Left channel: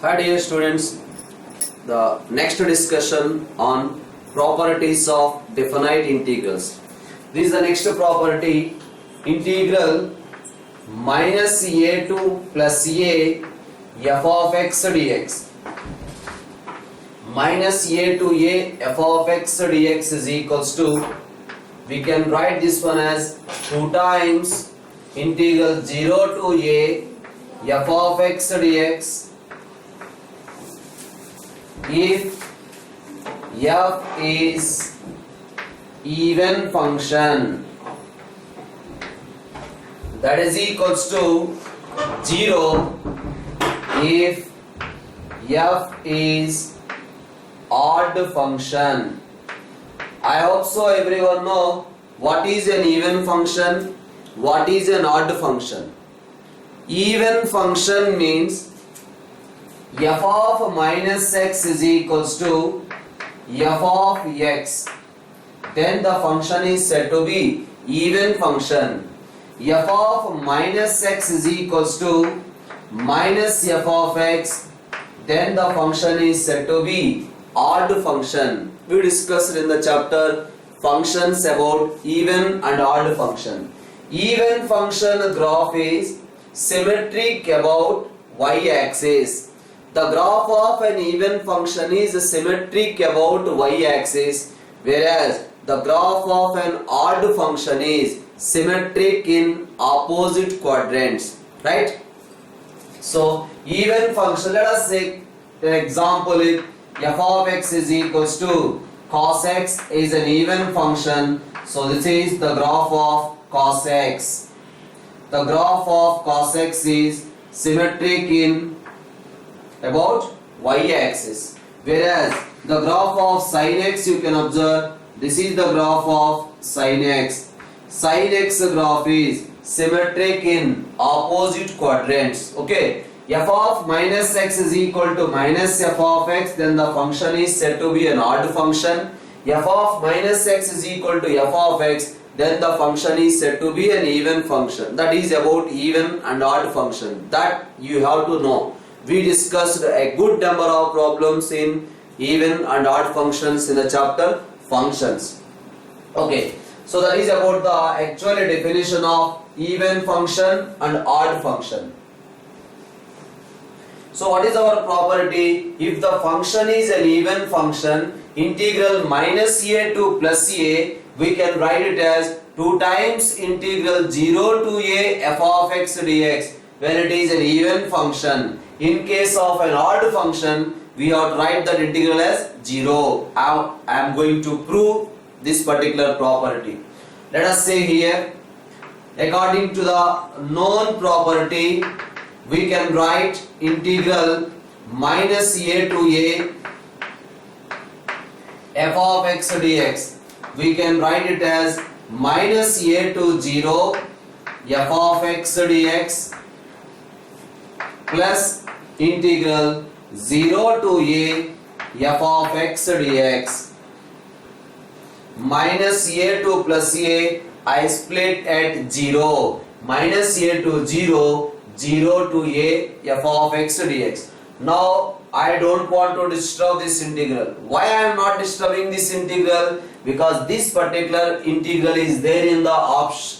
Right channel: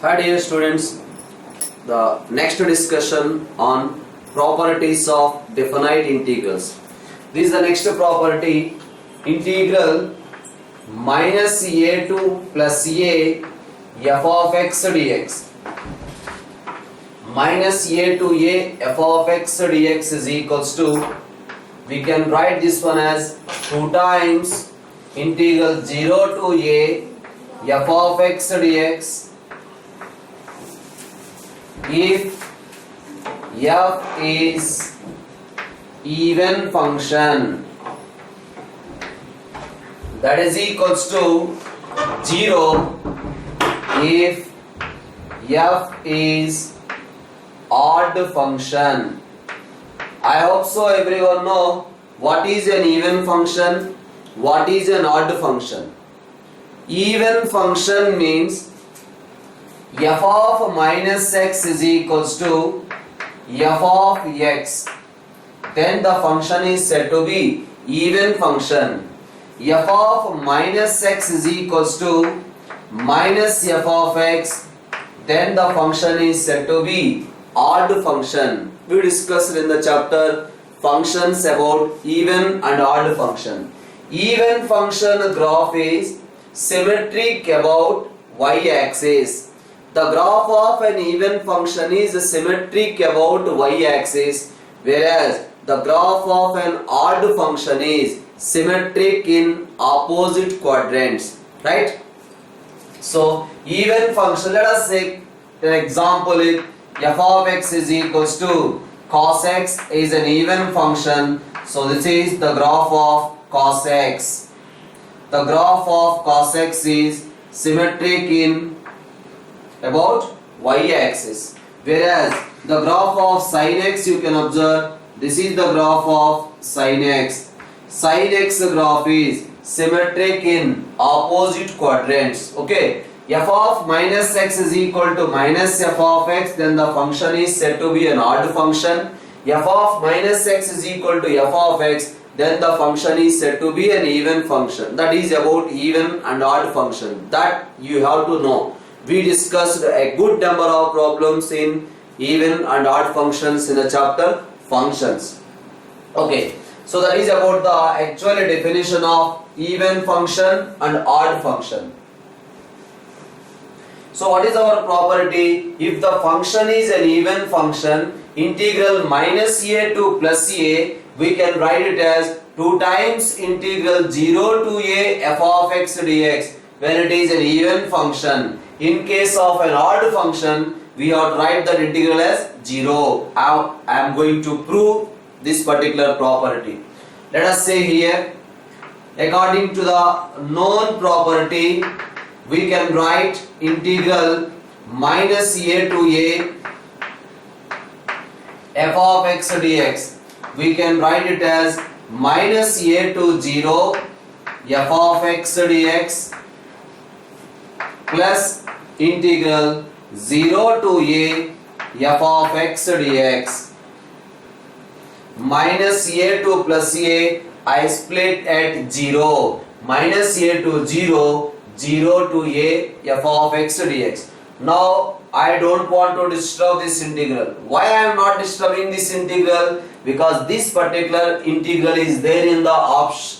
Hi dear students, the next discussion on properties of definite integrals. This is the next property, integral minus a2 plus a f of x dx. Minus a to a f of x dx is equals to, we can write this one as 2 times integral 0 to a f of x dx if f is even function, that is equals to 0 if f is odd function. I hope so everyone know what is an even function, what is an odd function. Even function means f of minus x is equals to f of x, then the function is said to be even function. F of minus x is equals to minus f of x, then the function is said to be odd function. We discussed in the chapter functions about even and odd function. Even function graph is symmetric about y-axis. The graph of an even function is symmetric about y-axis, whereas the graph of an odd function is symmetric in opposite quadrants, right? So even function, let us take an example, if f of x is equals to cos x is an even function, so this is the graph of cos x. The graph of cos x is symmetric in about y-axis, whereas the graph of sin x, you can observe this is the graph of sin x. Sin x graph is symmetric in opposite quadrants. Okay, f of minus x is equal to minus f of x, then the function is said to be an odd function. F of minus x is equal to f of x, then the function is said to be an even function. That is about even and odd function, that you have to know. We discussed a good number of problems in even and odd functions in the chapter functions. Okay, so that is about the actual definition of even function and odd function. So what is our property? If the function is an even function, integral minus a to plus a, we can write it as 2 times integral 0 to a f of x dx when it is an even function. In case of an odd function, we have to write that integral as 0. I am going to prove this particular property. Let us say here, according to the known property, we can write integral minus a to a f of x dx. We can write it as minus a to 0 f of x dx plus integral 0 to a f of x dx. Minus a to plus a, I split at 0. Minus a to 0, 0 to a f of x dx. Now I don't want to disturb this integral. Why I am not disturbing this integral? Because this particular integral is there in the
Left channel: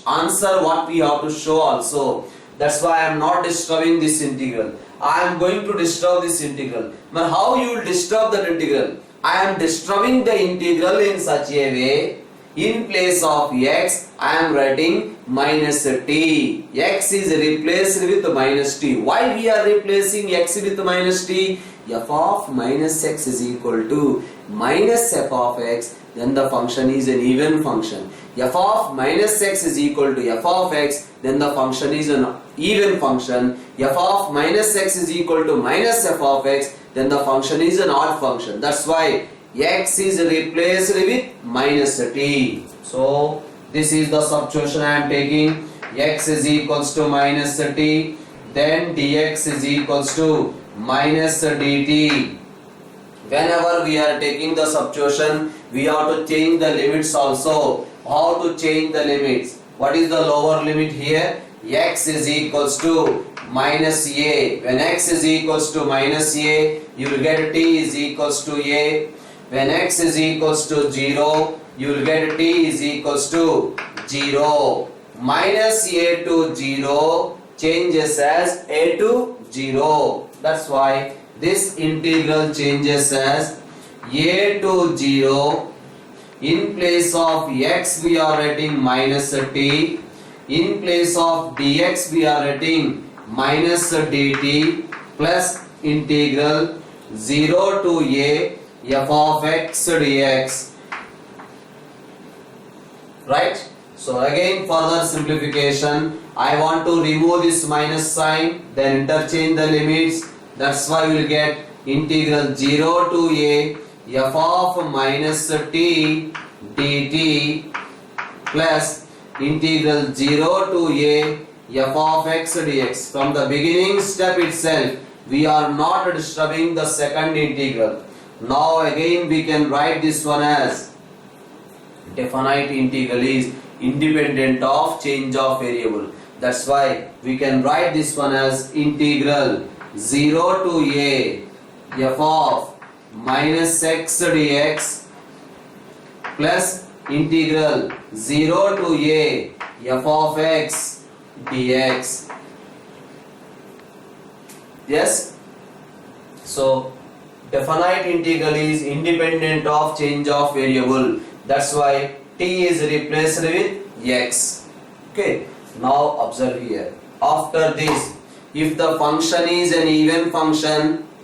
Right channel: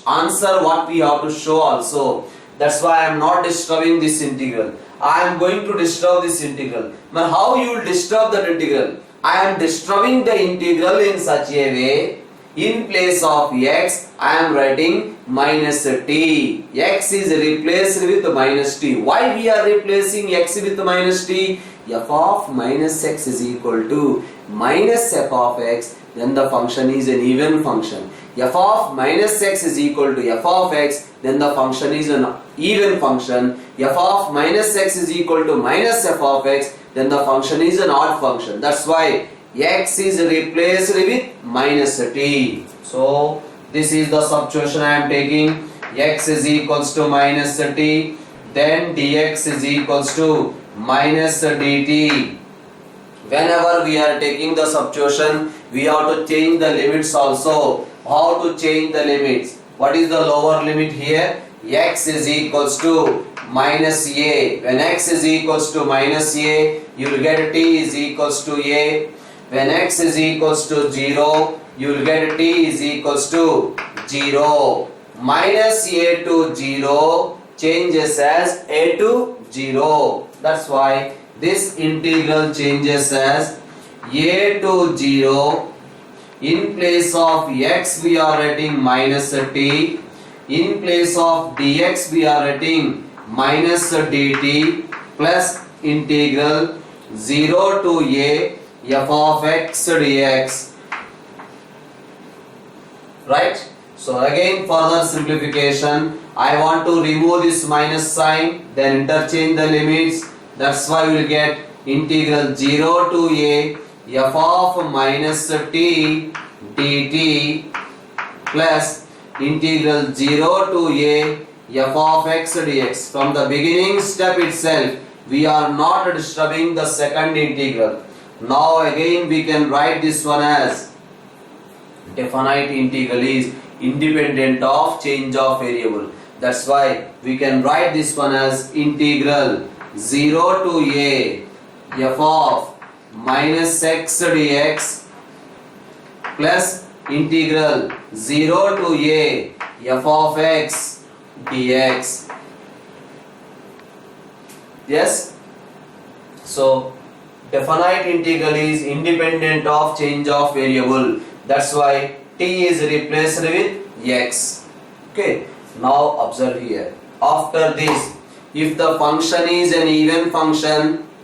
answer what we have to show also. That's why I am not disturbing this integral. I am going to disturb this integral. But how you will disturb that integral? I am disturbing the integral in such a way, in place of x, I am writing minus t. X is replaced with minus t. Why we are replacing x with minus t? F of minus x is equal to minus f of x, then the function is an even function. F of minus x is equal to f of x, then the function is an even function. F of minus x is equal to minus f of x, then the function is an odd function. That's why x is replaced with minus t. So this is the substitution I am taking. X is equals to minus t, then dx is equals to minus dt. Whenever we are taking the substitution, we have to change the limits also. How to change the limits? What is the lower limit here? X is equals to minus a. When x is equals to minus a, you will get t is equals to a. When x is equals to 0, you will get t is equals to 0. Minus a to 0 changes as a to 0. That's why this integral changes as a to 0. In place of x we are writing minus t. In place of dx we are writing minus dt plus integral 0 to a f of x dx. Right? So again further simplification, I want to remove this minus sign, then interchange the limits. That's why we will get integral 0 to a f of minus t dt plus integral 0 to a f of x dx. From the beginning step itself, we are not disturbing the second integral. Now again we can write this one as definite integral is independent of change of variable. That's why we can write this one as integral 0 to a f of minus x dx plus integral 0 to a f of x dx. Yes? So definite integral is independent of change of variable. That's why t is replaced with x. Okay. Now observe here. After this, if the function is an even function,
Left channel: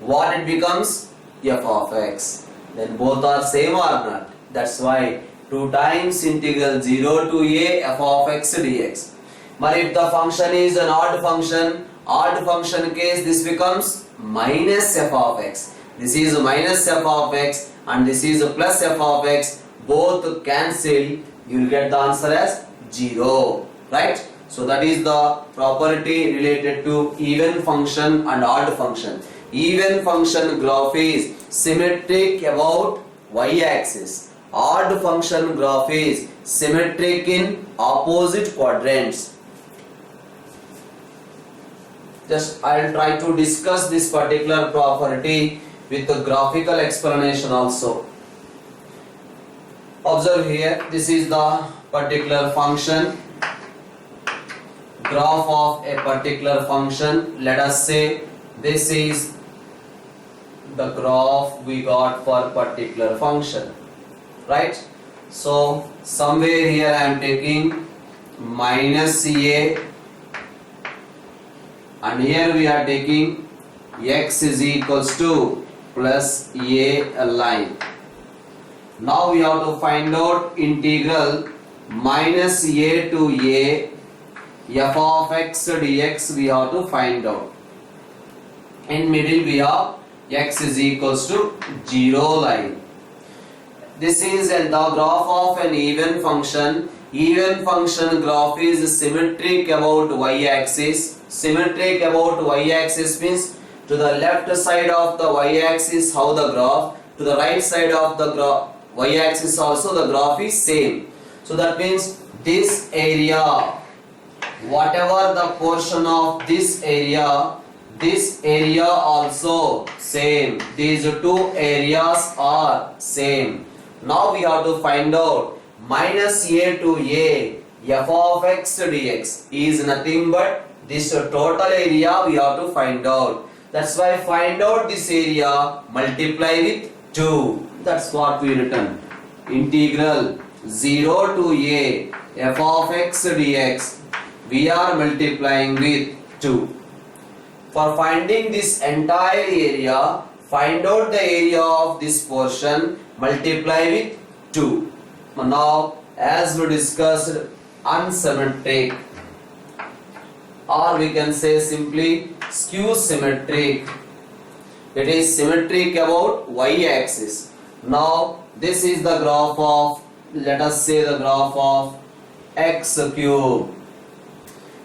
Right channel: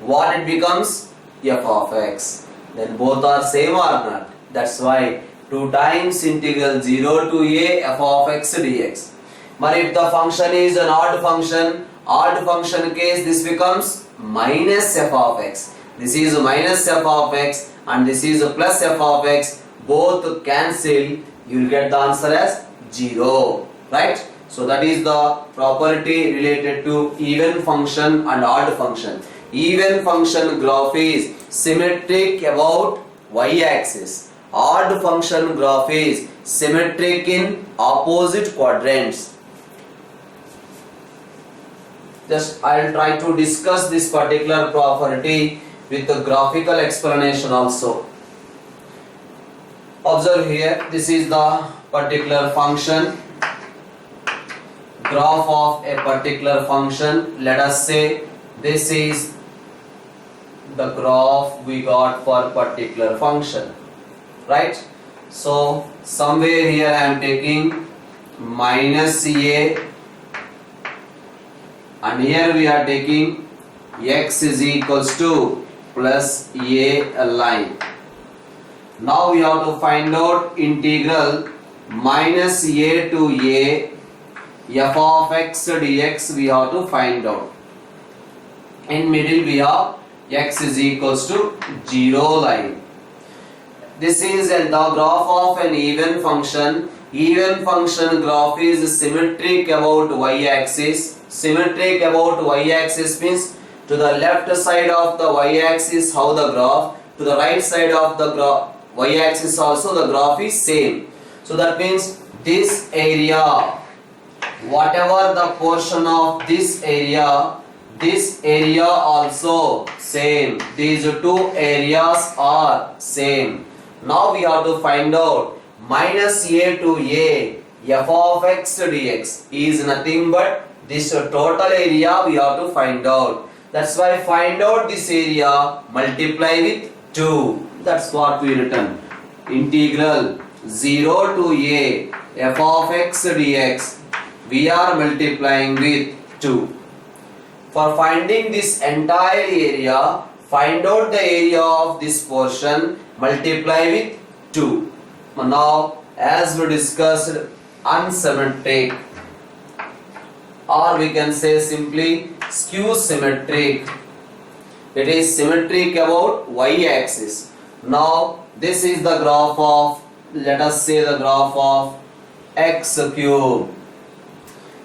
what it becomes? F of x. Then both are same or not? That's why 2 times integral 0 to a f of x dx. But if the function is an odd function case, this becomes minus f of x. This is minus f of x and this is plus f of x. Both cancel, you will get the answer as 0. Right? So that is the property related to even function and odd function. Even function graph is symmetric about y-axis. Odd function graph is symmetric in opposite quadrants. Just I will try to discuss this particular property with the graphical explanation also. Observe here, this is the particular function, graph of a particular function. Let us say this is the graph we got for particular function, right? So somewhere here I am taking minus a and here we are taking x is equals to plus a line. Now we have to find out integral minus a to a f of x dx we have to find out. In middle we have x is equals to 0 line. This is the graph of an even function. Even function graph is symmetric about y-axis. Symmetric about y-axis means to the left side of the y-axis how the graph, to the right side of the y-axis also the graph is same. So that means this area, whatever the portion of this area also same. These two areas are same. Now we have to find out minus a to a f of x dx is nothing but this total area we have to find out. That's why find out this area, multiply with 2. That's what we written. Integral 0 to a f of x dx we are multiplying with 2. For finding this entire area, find out the area of this portion, multiply with 2. Now as we discussed, unsymmetric, or we can say simply skew symmetric. It is symmetric about y-axis. Now this is the graph of, let us say the graph of x cube.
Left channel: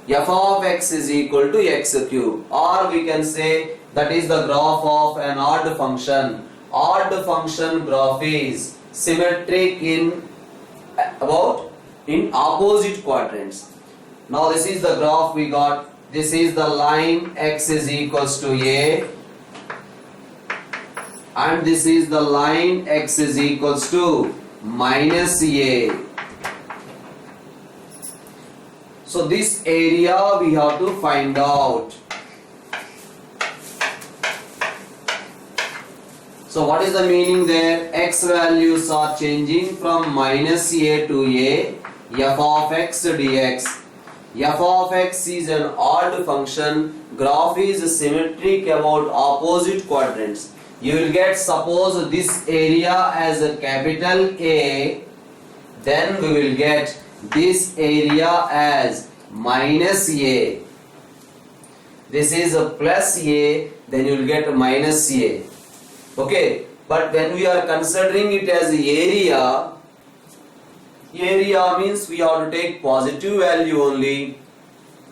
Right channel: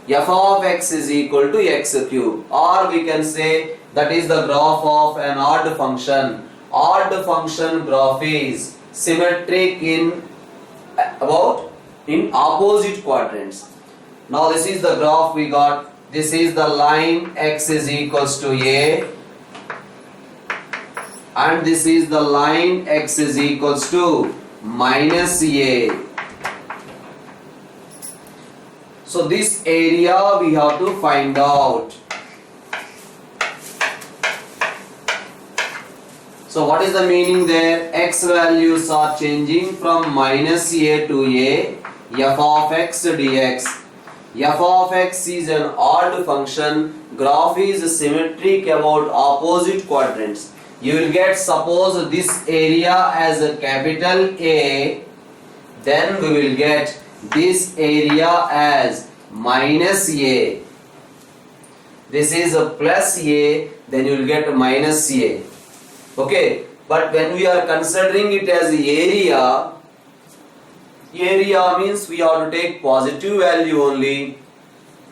F of x is equal to x cube, or we can say that is the graph of an odd function. Odd function graph is symmetric in opposite quadrants. Now this is the graph we got. This is the line x is equals to a, and this is the line x is equals to minus a. So this area we have to find out. So what is the meaning there? X values are changing from minus a to a, f of x dx. F of x is an odd function. Graph is symmetric about opposite quadrants. You will get, suppose this area as a capital A, then we will get this area as minus a. This is a plus a, then you will get minus a. Okay, but when we are considering it as area, area means we have to take positive value only.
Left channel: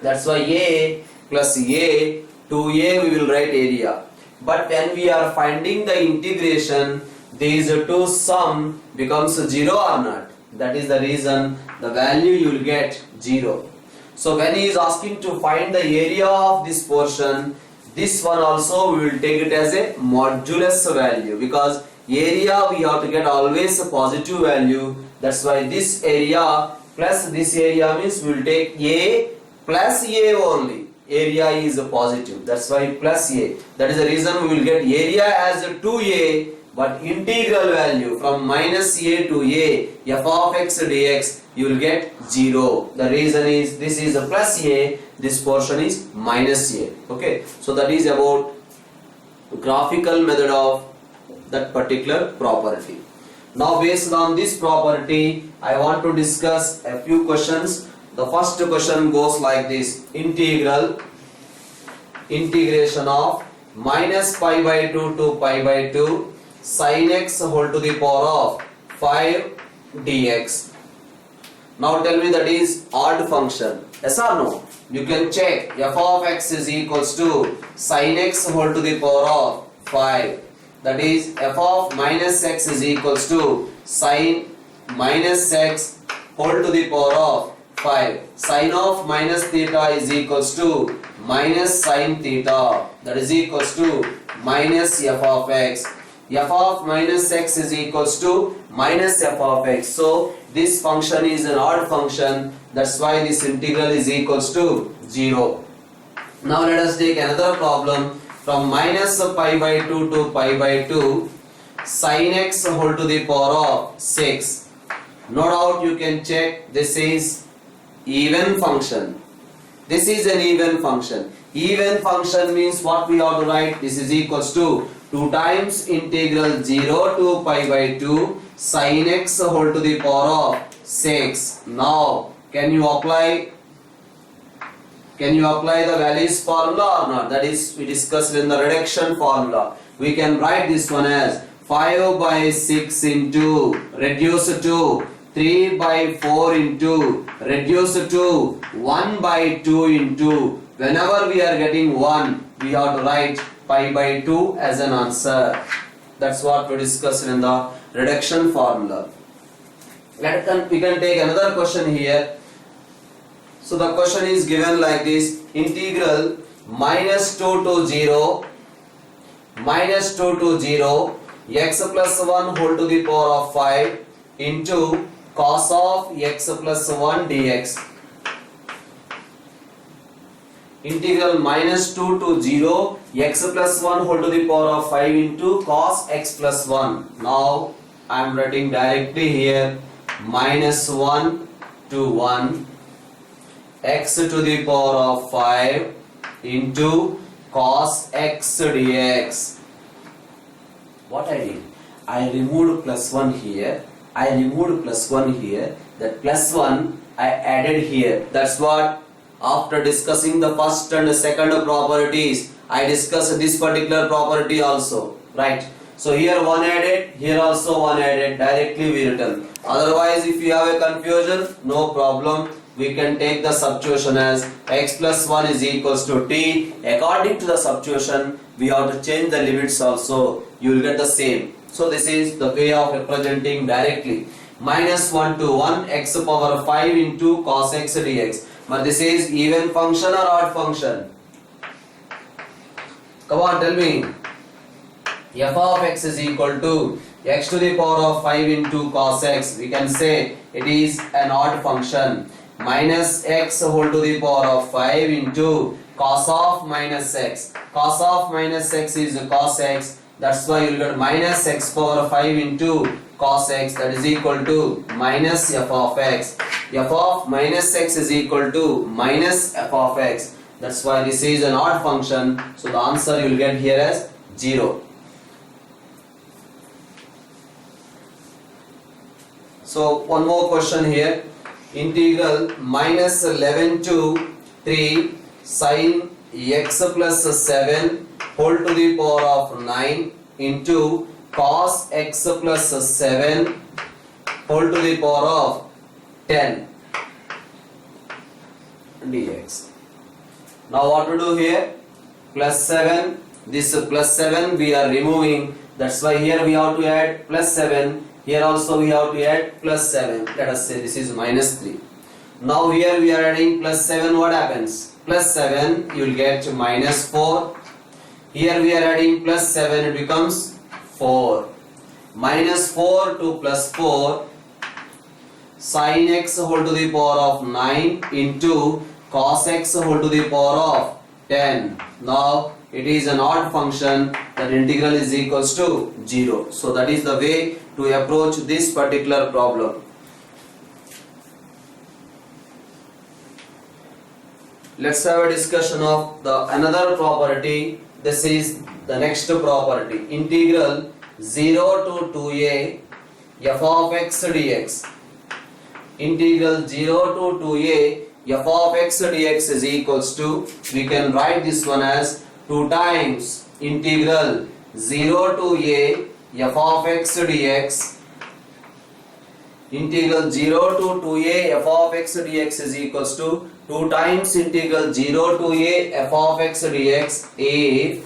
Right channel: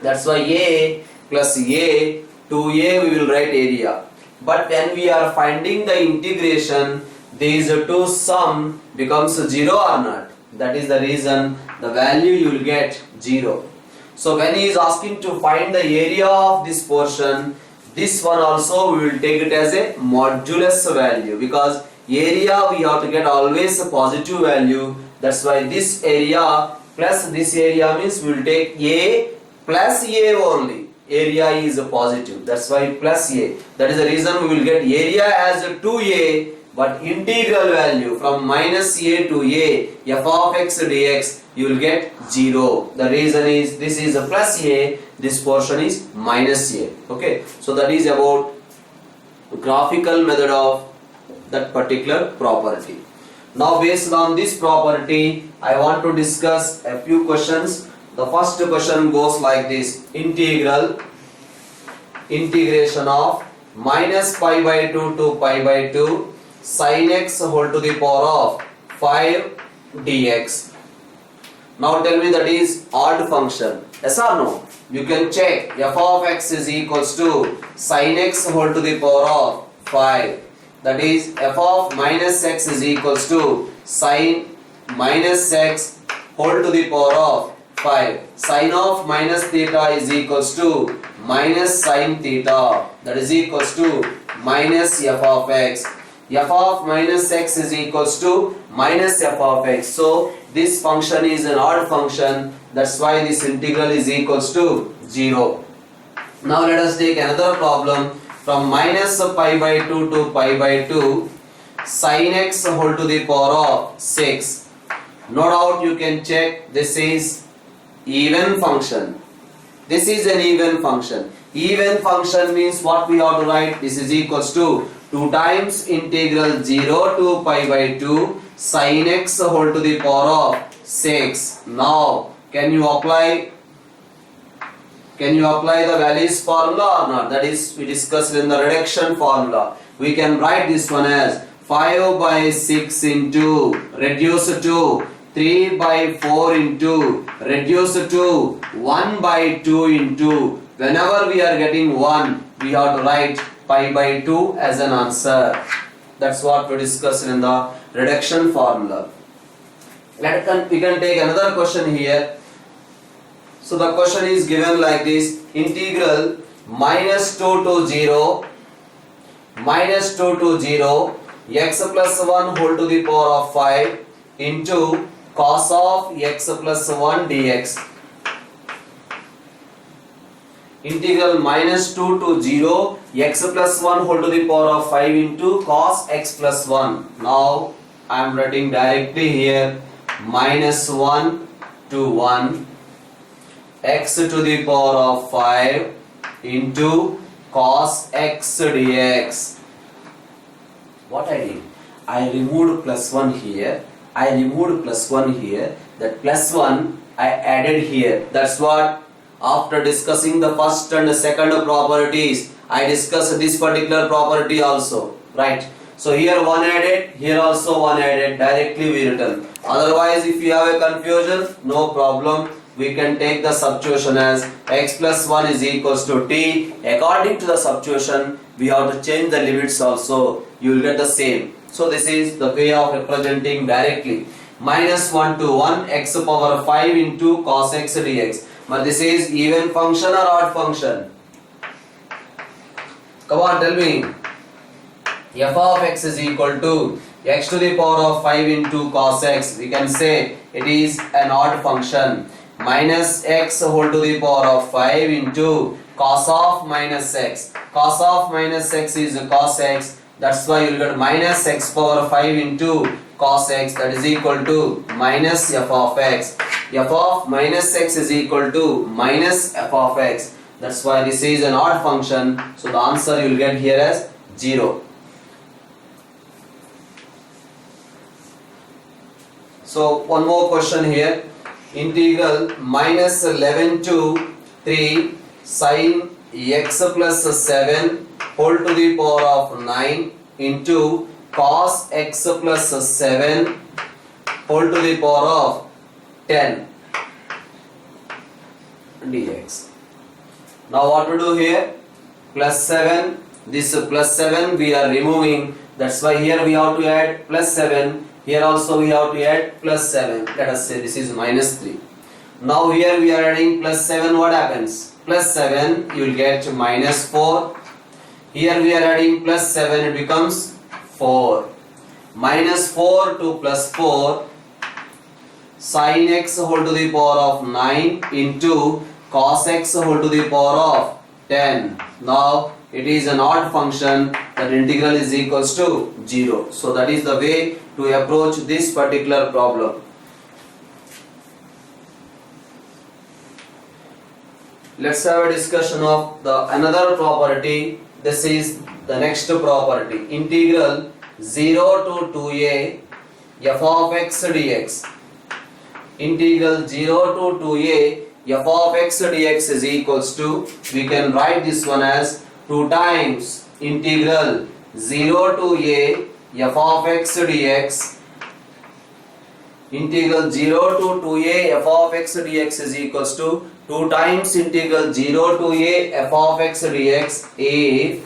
That's why a plus a, to a we will write area. But when we are finding the integration, these two sum becomes 0 or not. That is the reason the value you will get 0. So when he is asking to find the area of this portion, this one also we will take it as a modulus value, because area we have to get always a positive value. That's why this area plus this area means we will take a plus a only. Area is a positive, that's why plus a. That is the reason we will get area as a 2a, but integral value from minus a to a, f of x dx, you will get 0. The reason is this is a plus a, this portion is minus a. Okay, so that is about graphical method of that particular property. Now based on this property, I want to discuss a few questions. The first question goes like this: integration of minus pi by 2 to pi by 2 sin x whole to the power of 5 dx. Now tell me, that is odd function, yes or no? You can check. F of x is equals to sin x whole to the power of 5. That is f of minus x is equals to sin minus x whole to the power of 5. Sin of minus theta is equals to minus sin theta. That is equals to minus f of x. F of minus x is equals to minus f of x. So this function is an odd function. That's why this integral is equals to 0. Now let us take another problem. From minus pi by 2 to pi by 2 sin x whole to the power of 6. No doubt you can check, this is even function. This is an even function. Even function means what we have to write? This is equals to 2 times integral 0 to pi by 2 sin x whole to the power of 6. Now can you apply the values formula or not? That is, we discussed in the reduction formula. We can write this one as 5 by 6 into reduce to 3 by 4 into reduce to 1 by 2 into, whenever we are getting 1, we have to write pi by 2 as an answer. That's what we discussed in the reduction formula. We can take another question here. So the question is given like this: integral minus 2 to 0 x plus 1 whole to the power of 5 into cos of x plus 1 dx. Integral minus 2 to 0 x plus 1 whole to the power of 5 into cos x plus 1. Now I am writing directly here minus 1 to 1 x to the power of 5 into cos x dx. What I did? I removed plus 1 here. That plus 1 I added here. That's what, after discussing the first and the second properties, I discussed this particular property also. Right? So here 1 added, here also 1 added. Directly we written. Otherwise, if you have a confusion, no problem. We can take the substitution as x plus 1 is equals to t. According to the substitution, we have to change the limits also. You will get the same. So this is the way of representing directly. Minus 1 to 1 x power 5 into cos x dx. But this is even function or odd function? Come on, tell me. F of x is equal to x to the power of 5 into cos x. We can say it is an odd function. Minus x whole to the power of 5 into cos of minus x. Cos of minus x is cos x. That's why you will get minus x power 5 into cos x, that is equal to minus f of x. F of minus x is equal to minus f of x. That's why this is an odd function. So the answer you will get here as 0. So one more question here. Integral minus 11 to 3 sin x plus 7 whole to the power of 9 into cos x plus 7 whole to the power of 10 dx. Now what to do here? Plus 7. This plus 7 we are removing. That's why here we have to add plus 7. Here also we have to add plus 7. Let us say this is minus 3. Now here we are adding plus 7. What happens? Plus 7 you will get minus 4. Here we are adding plus 7. It becomes 4. Minus 4 to plus 4 sin x whole to the power of 9 into cos x whole to the power of 10. Now it is an odd function, that integral is equals to 0. So that is the way to approach this particular problem. Let's have a discussion of the another property. This is the next property. Integral 0 to 2a f of x dx. Integral 0 to 2a f of x dx is equals to, we can write this one as 2 times integral 0 to a f of x dx. Integral 0 to 2a f of x dx is equals to 2 times integral 0 to a f of x dx if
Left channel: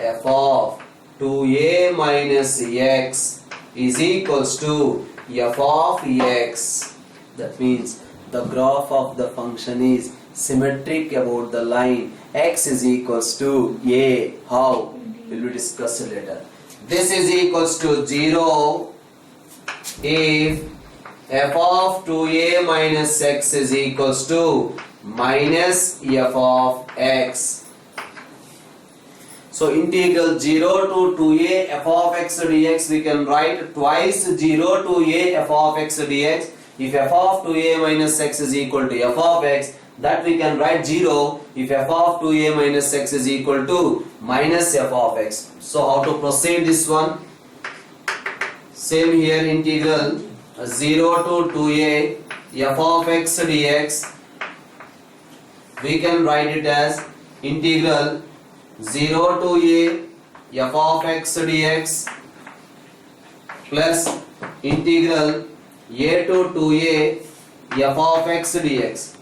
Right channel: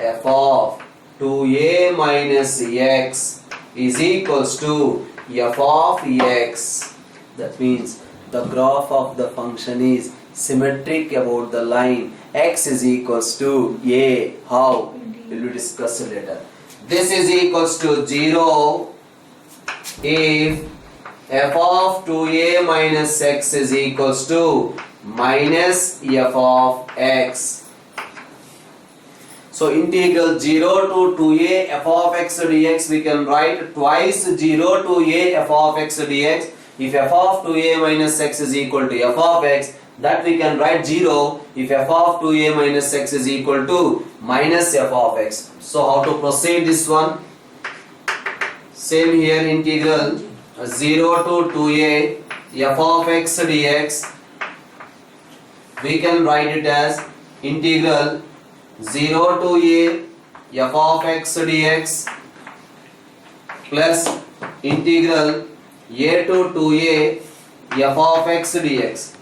f of 2a minus x is equals to f of x. That means the graph of the function is symmetric about the line x is equals to a. How? Will be discussed later. This is equals to 0 if f of 2a minus x is equals to minus f of x. So integral 0 to 2a f of x dx, we can write twice 0 to a f of x dx. If f of 2a minus x is equal to f of x, that we can write 0 if f of 2a minus x is equal to minus f of x. So how to proceed this one? Same here, integral 0 to 2a f of x dx, we can write it as integral 0 to a f of x dx plus integral a to 2a f of x dx.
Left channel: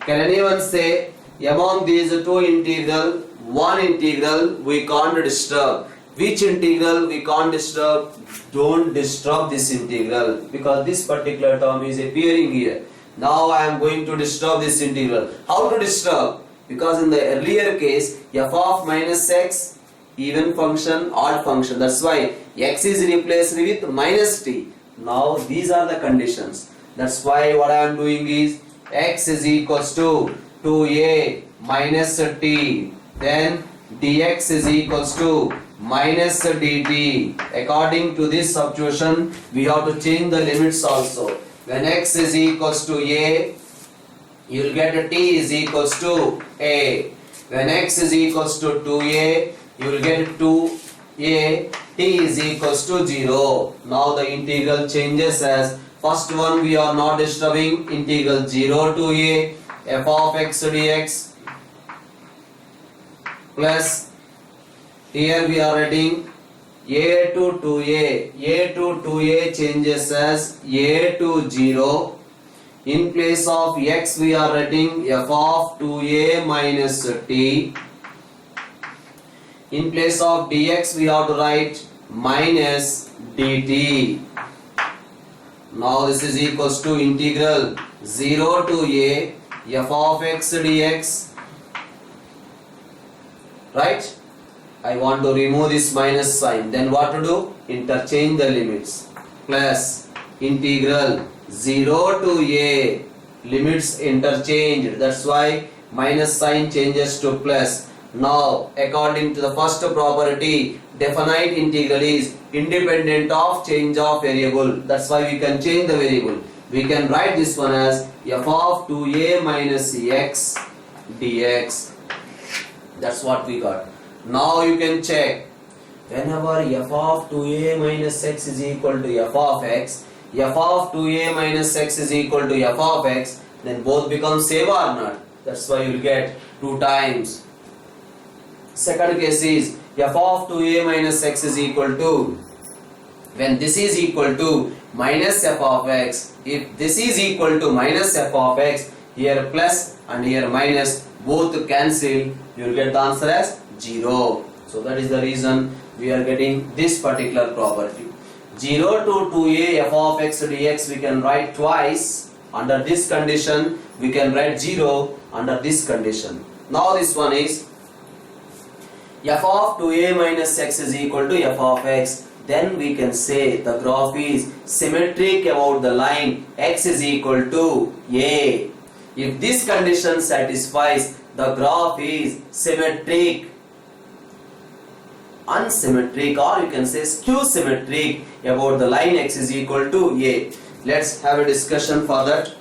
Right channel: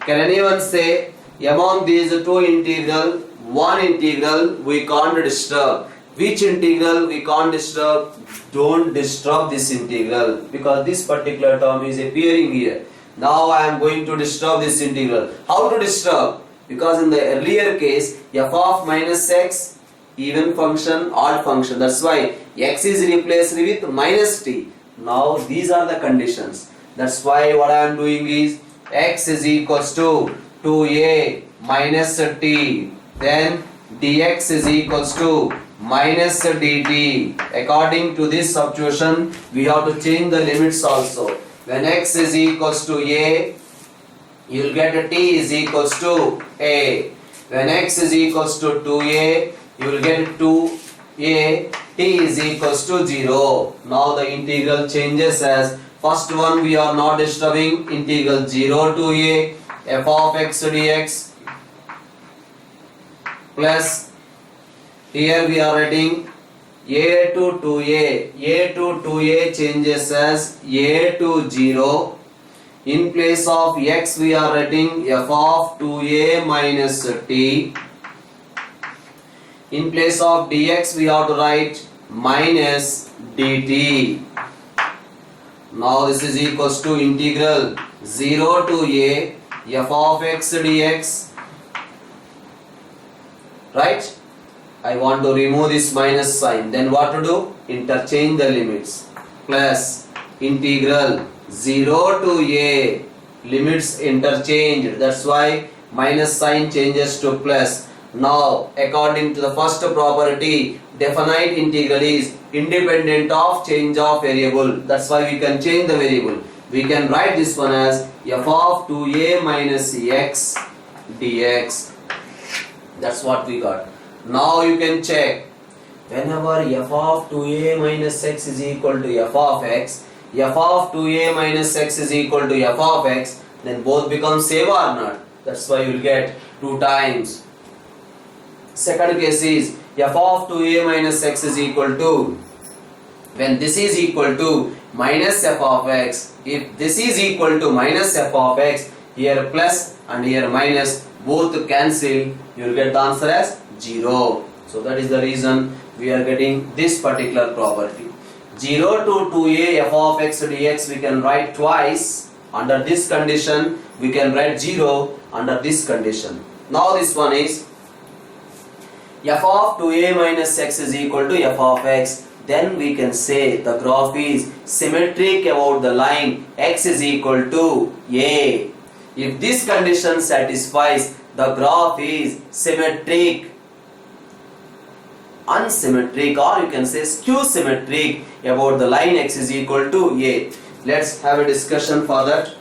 Can anyone say among these two integral, one integral we can't disturb? Which integral we can't disturb? Don't disturb this integral, because this particular term is appearing here. Now I am going to disturb this integral. How to disturb? Because in the earlier case f of minus x, even function, odd function, that's why x is replaced with minus t. Now these are the conditions. That's why what I am doing is x is equals to 2a minus t, then dx is equals to minus dt. According to this substitution, we have to change the limits also. When x is equals to a, you will get t is equals to a. When x is equals to 2a, you will get 2a, t is equals to 0. Now the integral changes as, first one we are not disturbing, integral 0 to a f of x dx plus here we are writing a to 2a changes as a to 0. In place of x we are writing f of 2a minus t. In place of dx we have to write minus dt. Now this is equals to integral 0 to a f of x dx. Right? I want to remove this minus sign. Then what to do? Interchange the limits. Plus integral 0 to a, limits interchanged. That's why minus sign changes to plus. Now, according to the first property, definite integral is independent of change of variable. That's why we can change the variable. We can write this one as f of 2a minus x dx. That's what we got. Now you can check. Whenever f of 2a minus x is equal to f of x, f of 2a minus x is equal to f of x, then both become same or not. That's why you will get 2 times. Second case is f of 2a minus x is equal to, when this is equal to minus f of x, if this is equal to minus f of x, here plus and here minus, both cancel, you will get the answer as 0. So that is the reason we are getting this particular property. 0 to 2a f of x dx we can write twice. Under this condition we can write 0 under this condition. Now this one is f of 2a minus x is equal to f of x. Then we can say the graph is symmetric about the line x is equal to a. If this condition satisfies, the graph is symmetric, unsymmetric, or you can say skew symmetric about the line x is equal to a. Let's have a discussion for that.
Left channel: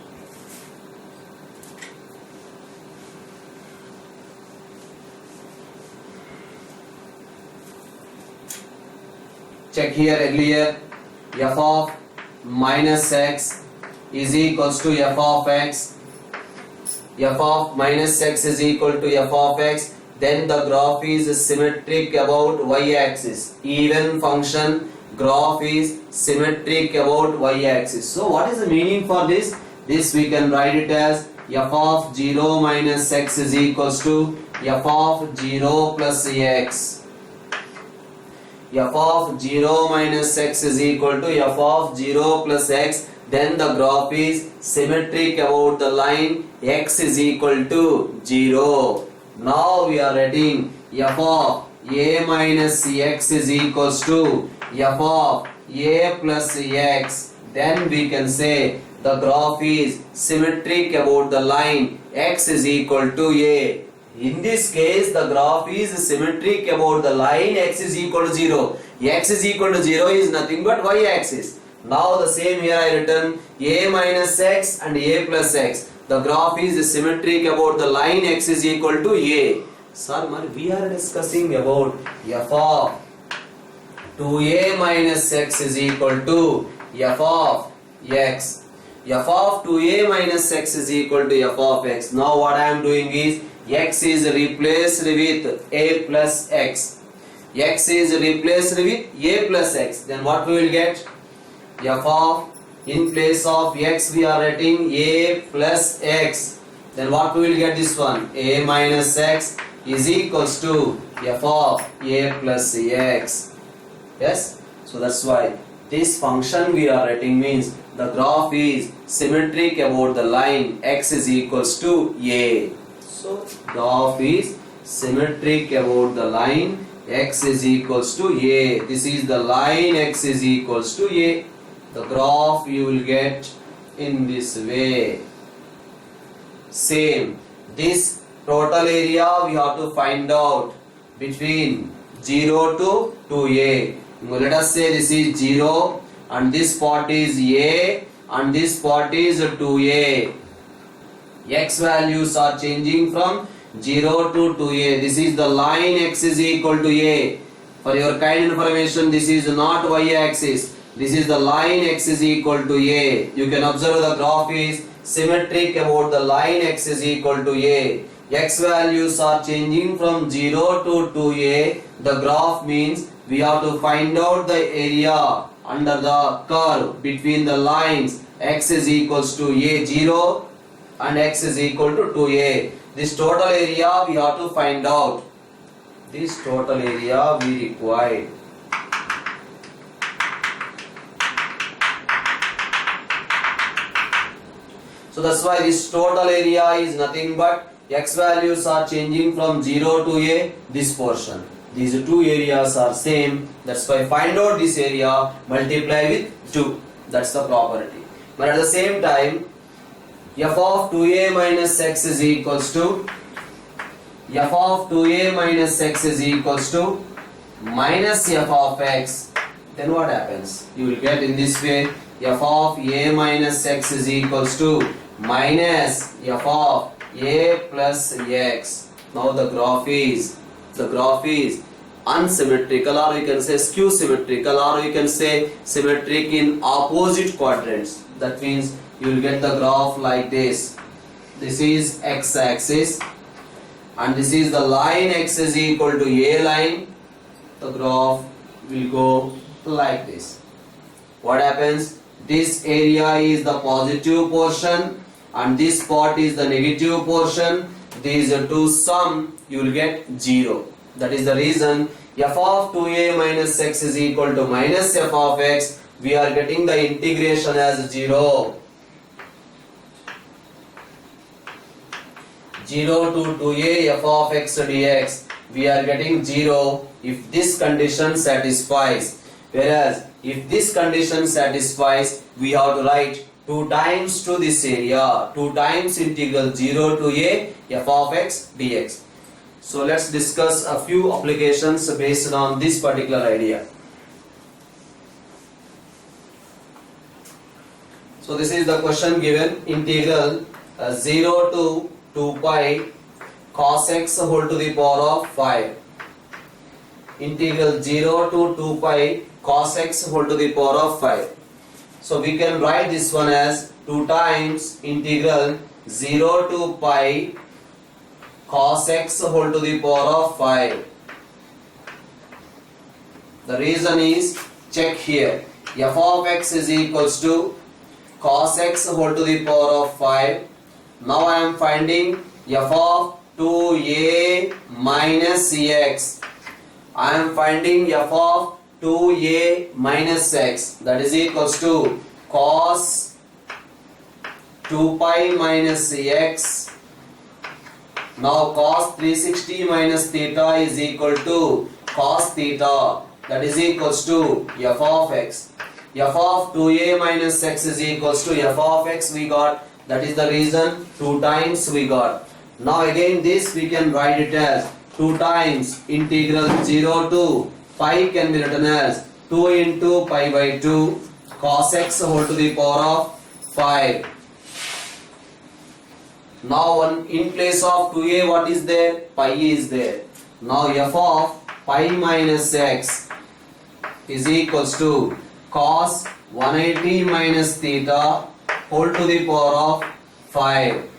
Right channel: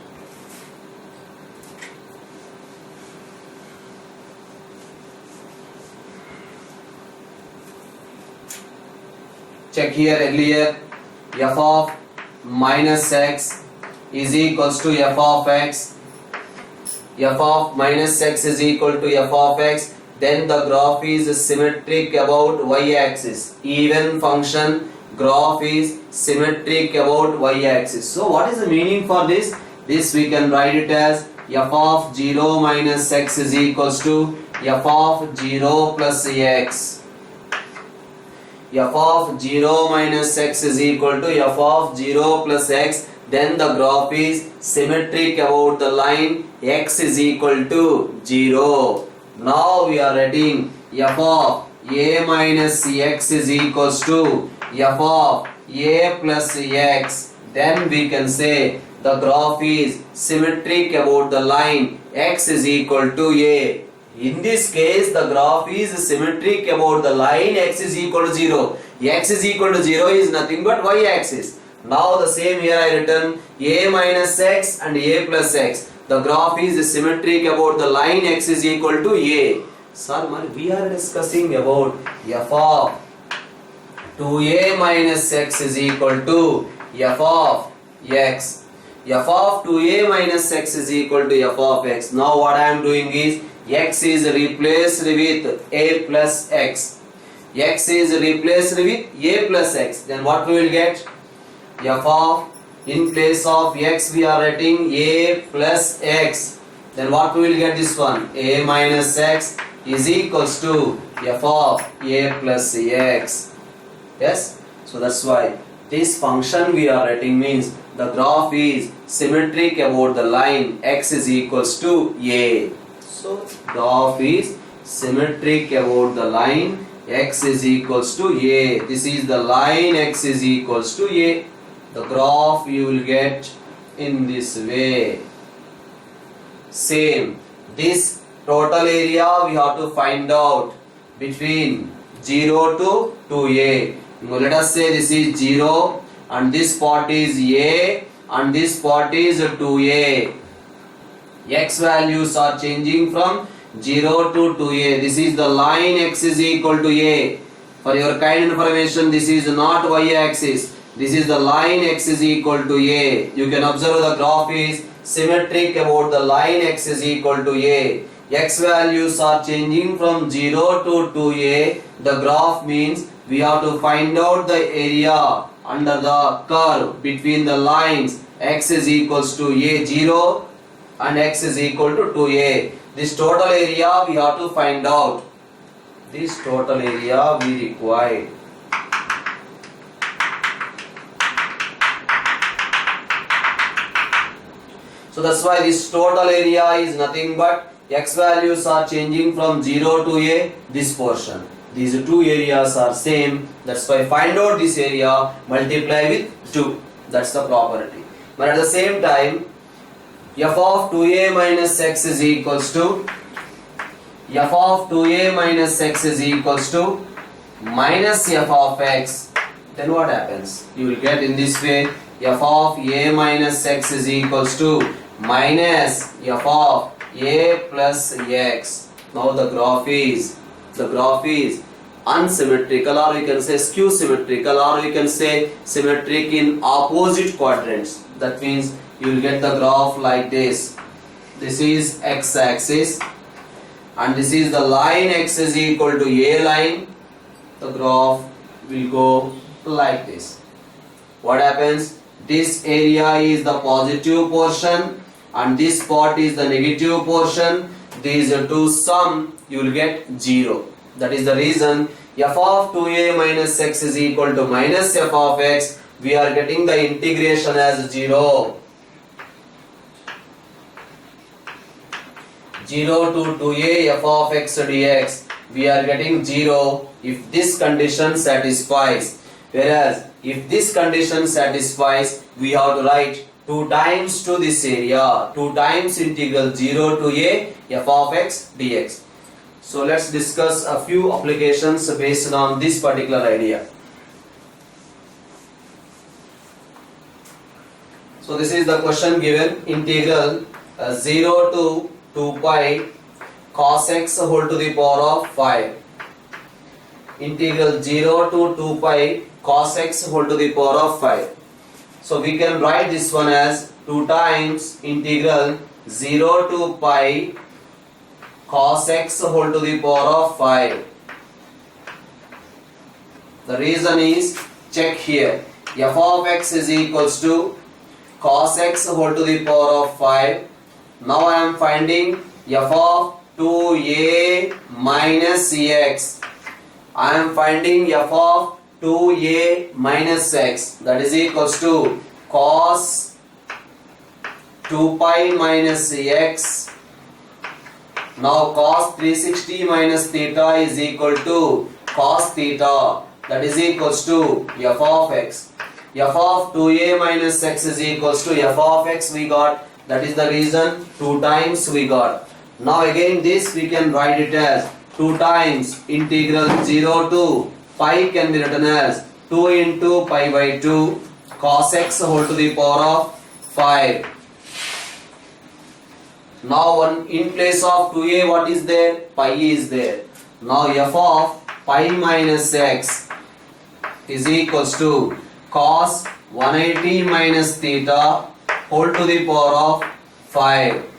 Check here earlier, f of minus x is equals to f of x. F of minus x is equal to f of x. Then the graph is symmetric about y-axis. Even function graph is symmetric about y-axis. So what is the meaning for this? This we can write it as f of 0 minus x is equals to f of 0 plus x. F of 0 minus x is equal to f of 0 plus x. Then the graph is symmetric about the line x is equal to 0. Now we are writing f of a minus x is equals to f of a plus x. Then we can say the graph is symmetric about the line x is equal to a. In this case, the graph is symmetric about the line x is equal to 0. X is equal to 0 is nothing but y-axis. Now the same here I written a minus x and a plus x. The graph is symmetric about the line x is equal to a. Sir, we are discussing about f of 2a minus x is equal to f of x. F of 2a minus x is equal to f of x. Now what I am doing is x is replaced with a plus x. X is replaced with a plus x. Then what we will get? F of, in place of x we are writing a plus x. Then what we will get this one? A minus x is equals to f of a plus x. Yes? So that's why this function we are writing means the graph is symmetric about the line x is equals to a. So graph is symmetric about the line x is equals to a. This is the line x is equals to a. The graph you will get in this way. Same, this total area we have to find out between 0 to 2a. Let us say this is 0 and this part is a and this part is 2a. X values are changing from 0 to 2a. This is the line x is equal to a. For your kind information, this is not y-axis. This is the line x is equal to a. You can observe the graph is symmetric about the line x is equal to a. X values are changing from 0 to 2a. The graph means we have to find out the area under the curve between the lines x is equals to a 0 and x is equal to 2a. This total area we have to find out. This total area we require. So that's why this total area is nothing but x values are changing from 0 to a this portion. These two areas are same. That's why find out this area, multiply with 2. That's the property. But at the same time, f of 2a minus x is equals to f of 2a minus x is equals to minus f of x. Then what happens? You will get in this way, f of a minus x is equals to minus f of a plus x. Now the graph is unsymmetrical, or you can say skew symmetrical, or you can say symmetric in opposite quadrants. That means you will get the graph like this. This is x axis and this is the line x is equal to a line. The graph will go like this. What happens? This area is the positive portion and this part is the negative portion. These two sum, you will get 0. That is the reason f of 2a minus x is equal to minus f of x. We are getting the integration as 0. 0 to 2a f of x dx. We are getting 0 if this condition satisfies. Whereas if this condition satisfies, we have to write 2 times to this area, 2 times integral 0 to a f of x dx. So let's discuss a few applications based on this particular idea. So this is the question given, integral 0 to 2 pi cos x whole to the power of 5. Integral 0 to 2 pi cos x whole to the power of 5. So we can write this one as 2 times integral 0 to pi cos x whole to the power of 5. The reason is, check here, f of x is equals to cos x whole to the power of 5. Now I am finding f of 2a minus x. I am finding f of 2a minus x, that is equals to cos 2 pi minus x. Now cos 360 minus theta is equal to cos theta, that is equals to f of x. f of 2a minus x is equals to f of x we got, that is the reason 2 times we got. Now again this we can write it as 2 times integral 0 to pi can be written as 2 into pi by 2 cos x whole to the power of 5. Now in place of 2a what is there? Pi is there. Now f of pi minus x is equals to cos 180 minus theta whole to the power of 5.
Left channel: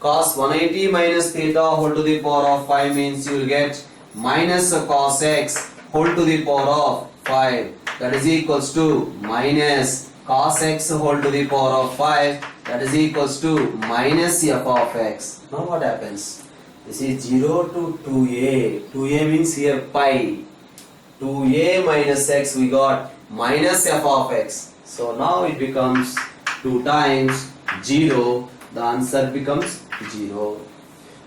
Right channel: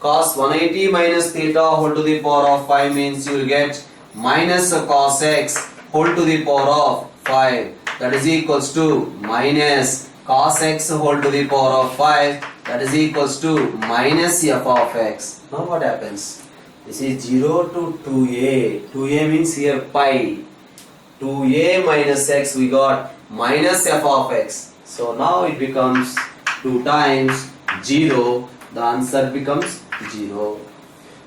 Cos 180 minus theta whole to the power of 5 means you will get minus cos x whole to the power of 5. That is equals to minus cos x whole to the power of 5. That is equals to minus f of x. Now what happens? This is 0 to 2a. 2a means here pi. 2a minus x we got minus f of x. So now it becomes 2 times 0. The answer becomes 0.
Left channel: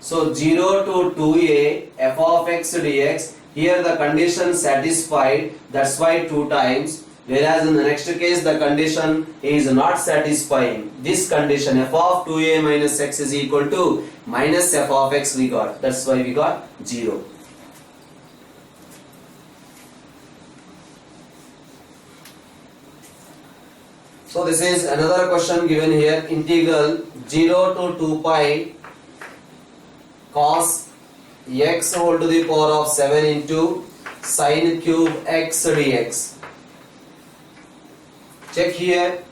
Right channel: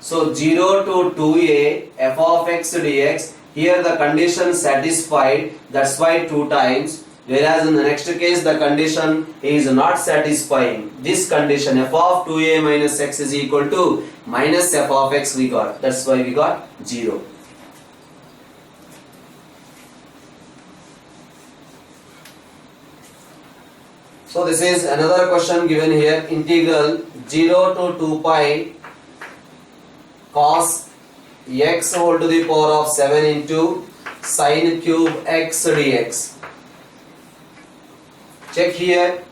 So 0 to 2a f of x dx. Here the condition satisfied. That's why 2 times. Whereas in the next case the condition is not satisfying. This condition f of 2a minus x is equal to minus f of x we got. That's why we got 0. So this is another question given here. Integral 0 to 2 pi cos x whole to the power of 7 into sin cube x dx. Check here,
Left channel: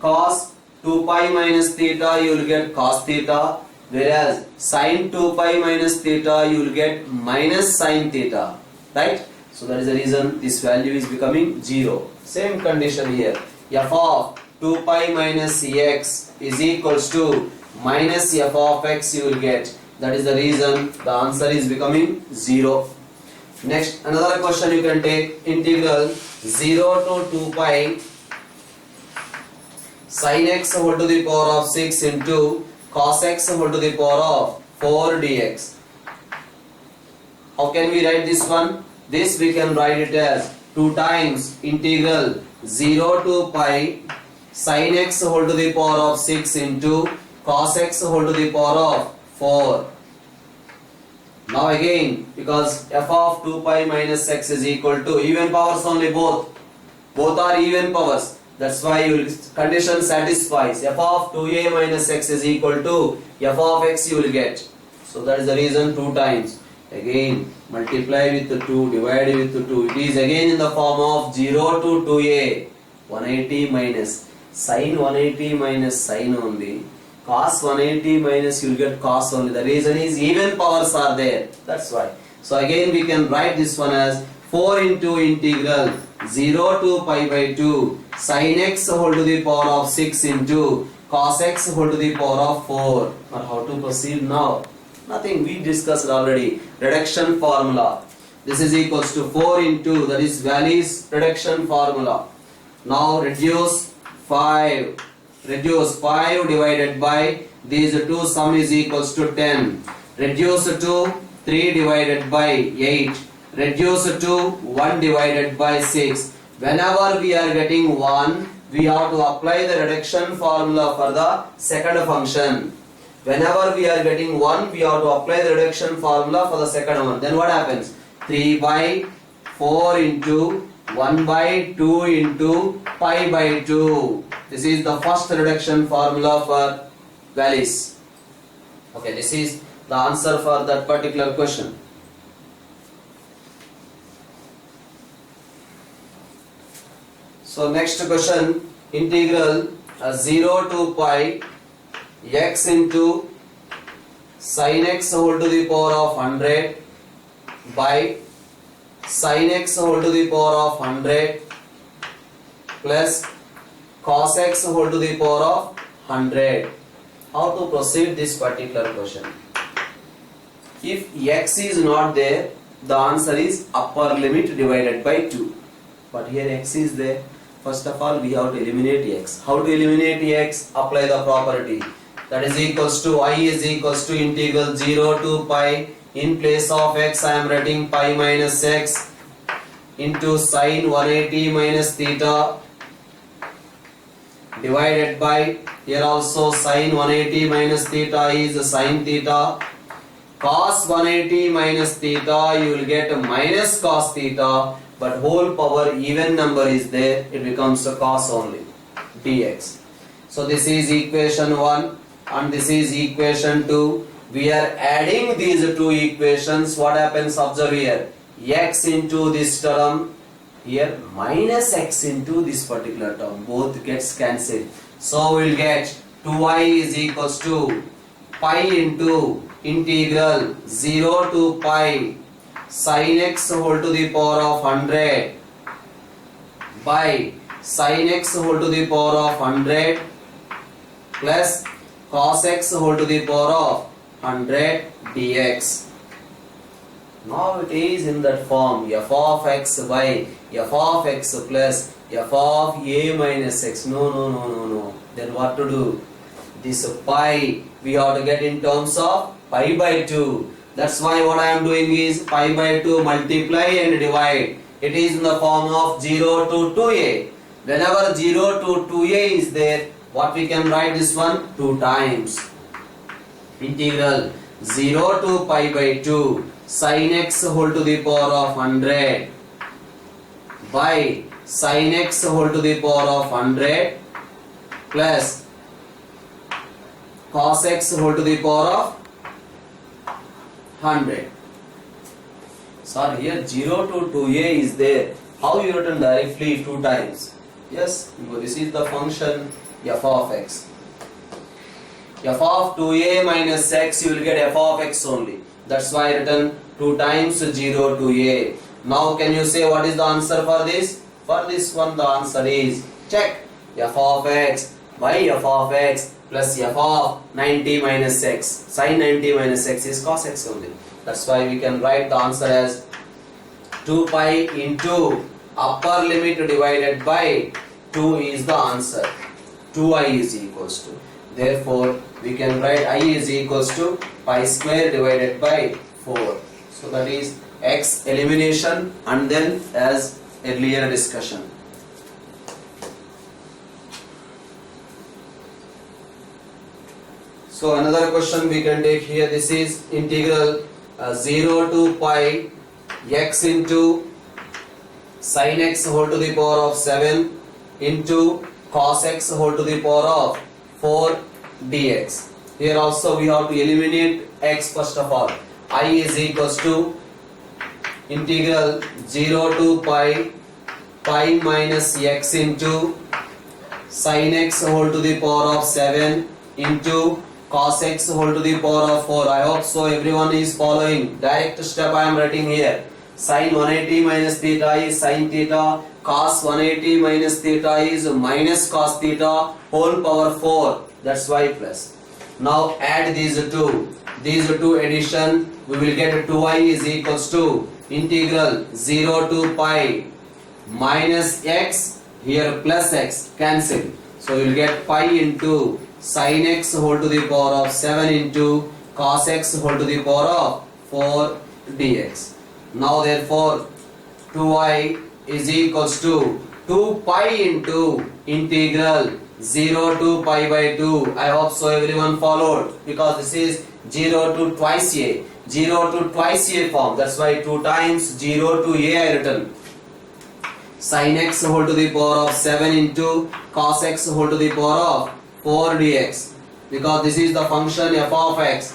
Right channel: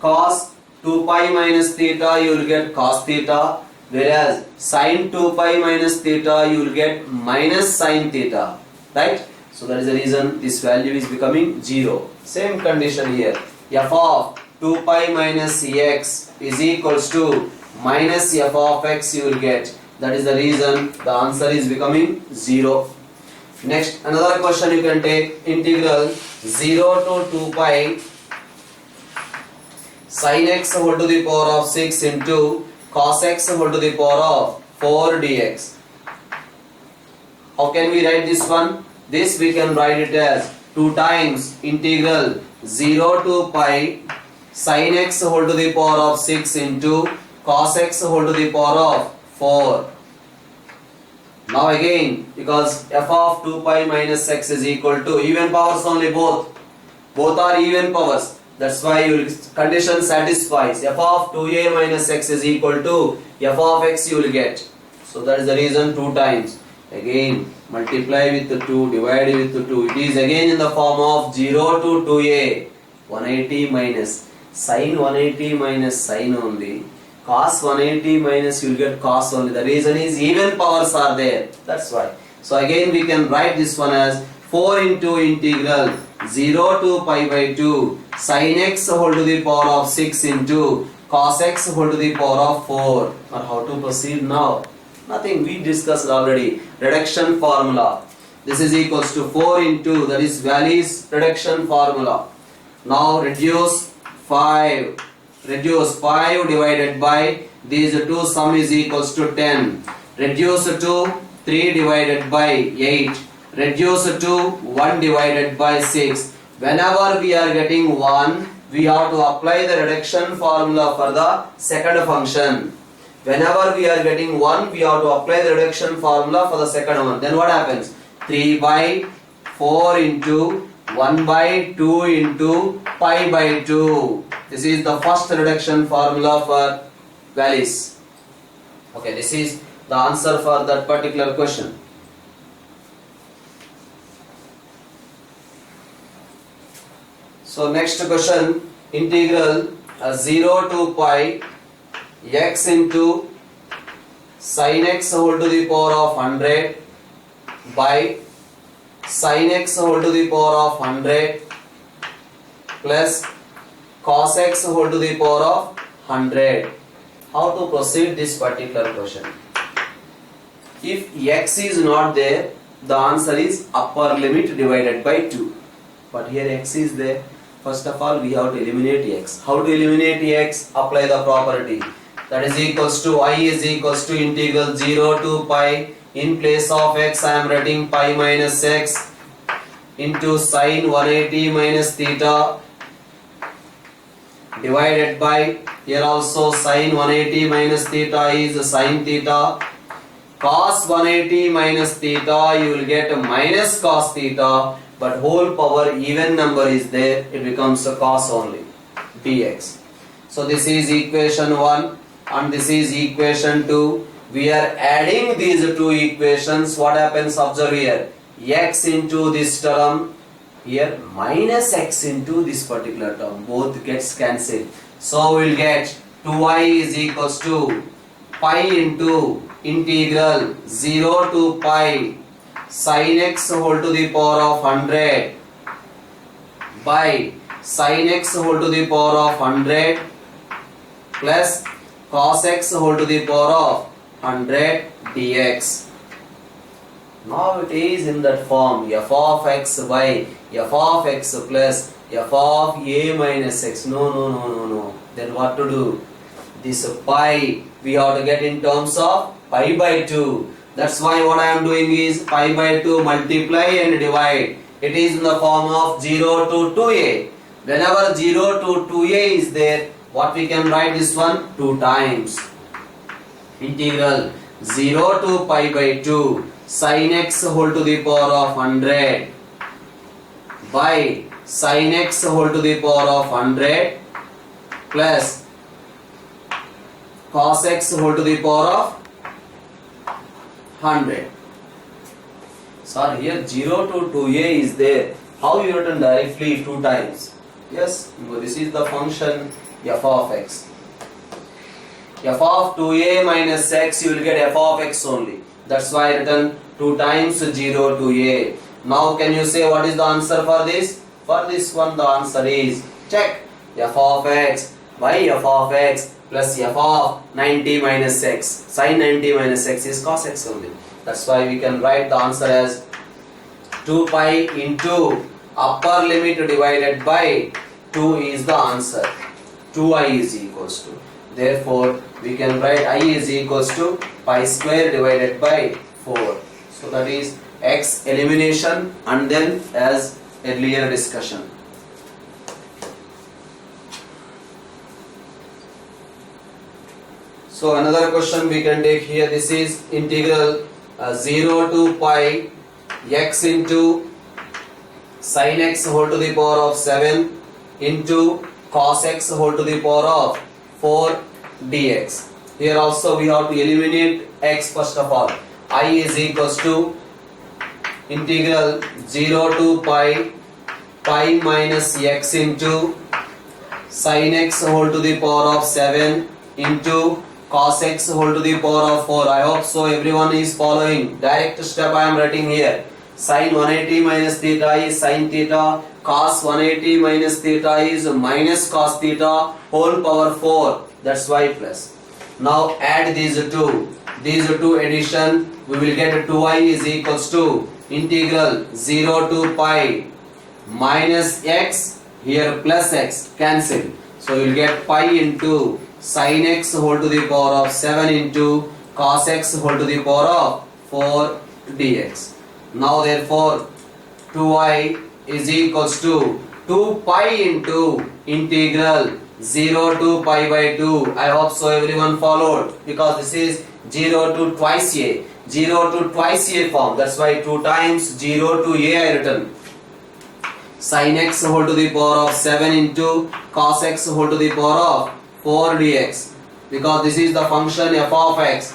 cos 2 pi minus theta you will get cos theta, whereas sin 2 pi minus theta you will get minus sin theta, right? So that is the reason this value is becoming 0. Same condition here, f of 2 pi minus x is equals to minus f of x you will get. That is the reason the answer is becoming 0. Next, another question you can take, integral 0 to 2 pi sin x whole to the power of 6 into cos x whole to the power of 4 dx. How can we write this one? This we can write it as 2 times integral 0 to pi sin x whole to the power of 6 into cos x whole to the power of 4. Now again, because f of 2 pi minus x is equal to even powers only, both are even powers. That's why condition satisfies. F of 2a minus x is equal to f of x you will get. So that is the reason 2 times. Again multiply with 2, divide with 2. It is again in the form of 0 to 2a. 180 minus sin 180 minus sin only. Cos 180 minus you will get cos only. The reason is even powers are there. That's why. So again we can write this one as 4 into integral 0 to pi by 2 sin x whole to the power of 6 into cos x whole to the power of 4. Or how to proceed now? Nothing, we discussed already. Reduction formula. This is equals to 4 into, that is Wallis reduction formula. Now reduce 5. Reduce 5 divided by these two sum is equals to 10. Reduce to 3 divided by 8. Reduce to 1 divided by 6. Whenever we are getting 1, we have to apply the reduction formula for the second function. Whenever we are getting 1, we have to apply the reduction formula for the second one. Then what happens? 3 by 4 into 1 by 2 into pi by 2. This is the first reduction formula for Wallis. Okay, this is the answer for that particular question. So next question, integral 0 to pi x into sin x whole to the power of 100 by sin x whole to the power of 100 plus cos x whole to the power of 100. How to proceed this particular question? If x is not there, the answer is upper limit divided by 2. But here x is there. First of all, we have to eliminate x. How to eliminate x? Apply the property. That is equals to I is equals to integral 0 to pi. In place of x, I am writing pi minus x into sin 180 minus theta divided by, here also sin 180 minus theta is sin theta, cos 180 minus theta you will get minus cos theta, but whole power even number is there, it becomes a cos only dx. So this is equation 1 and this is equation 2. We are adding these two equations. What happens? Observe here, x into this term, here minus x into this particular term, both gets cancelled. So we will get 2y is equals to pi into integral 0 to pi sin x whole to the power of 100 by sin x whole to the power of 100 plus cos x whole to the power of 100 dx. Now it is in that form, f of x by f of x plus f of a minus x. No. Then what to do? This pi we have to get in terms of pi by 2. That's why what I am doing is pi by 2 multiply and divide. It is in the form of 0 to 2a. Whenever 0 to 2a is there, what we can write this one? 2 times. Integral 0 to pi by 2 sin x whole to the power of 100 by sin x whole to the power of 100 plus cos x whole to the power of 100. Sorry, here 0 to 2a is there. How you written directly 2 times? Yes, this is the function f of x. F of 2a minus x, you will get f of x only. That's why I written 2 times 0 to a. Now can you say what is the answer for this? For this one the answer is, check, f of x by f of x plus f of 90 minus x. Sin 90 minus x is cos x only. That's why we can write the answer as 2 pi into upper limit divided by 2 is the answer. 2i is equals to. Therefore, we can write I is equals to pi square divided by 4. So that is x elimination and then as earlier discussion. So another question we can take here, this is integral 0 to pi x into sin x whole to the power of 7 into cos x whole to the power of 4 dx. Here also we have to eliminate x first of all. I is equals to integral 0 to pi minus x into sin x whole to the power of 7 into cos x whole to the power of 4. I hope so everyone is following. Direct step I am writing here. Sin 180 minus theta is sin theta. Cos 180 minus theta is minus cos theta whole power 4. That's why plus. Now add these two. These two addition we will get 2i is equals to integral 0 to pi minus x, here plus x, cancel. So you will get pi into sin x whole to the power of 7 into cos x whole to the power of 4 dx. Now therefore 2i is equals to 2 pi into integral 0 to pi by 2. I hope so everyone followed, because this is 0 to twice a, 0 to twice a form. That's why 2 times 0 to a I written. Sin x whole to the power of 7 into cos x whole to the power of 4 dx. Because this is the function f of x.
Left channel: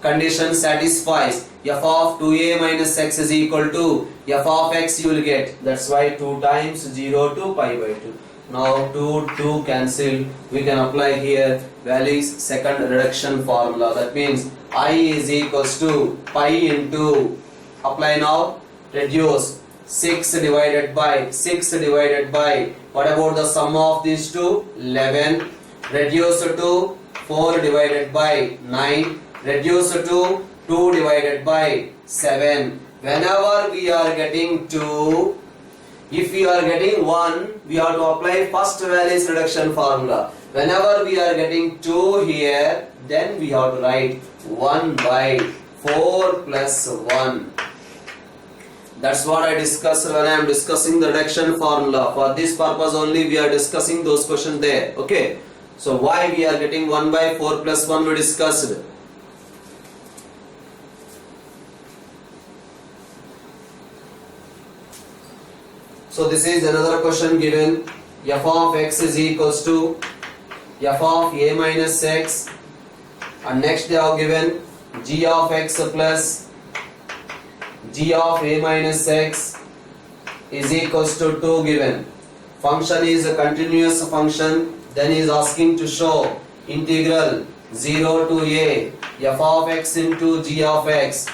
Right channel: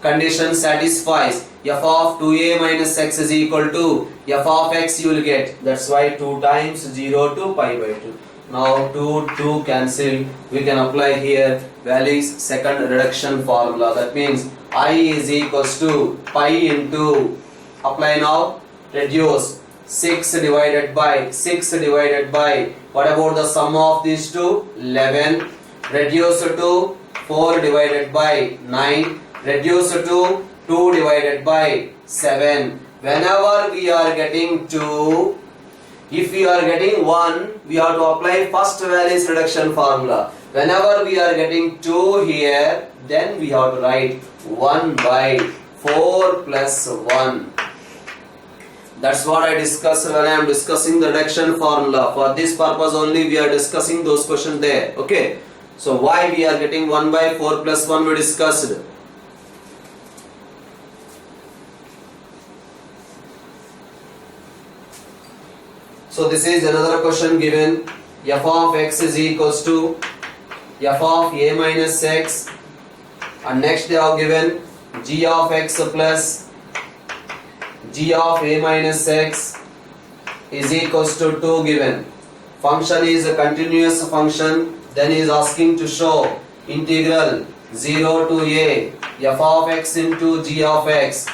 Condition satisfies. F of 2a minus x is equal to f of x you will get. That's why 2 times 0 to pi by 2. Now 2 cancel. We can apply here Wallis second reduction formula. That means I is equals to pi into, apply now, reduce 6 divided by what about the sum of these two? 11. Reduce to 4 divided by 9. Reduce to 2 divided by 7. Whenever we are getting 2, if we are getting 1, we have to apply first Wallis reduction formula. Whenever we are getting 2 here, then we have to write 1 by 4 plus 1. That's what I discussed when I am discussing the reduction formula. For this purpose only we are discussing those questions there. Okay. So why we are getting 1 by 4 plus 1 we discussed. So this is another question given. F of x is equals to f of a minus x, and next they have given g of x plus g of a minus x is equals to 2 given. Function is a continuous function. Then he is asking to show integral 0 to a f of x into g of x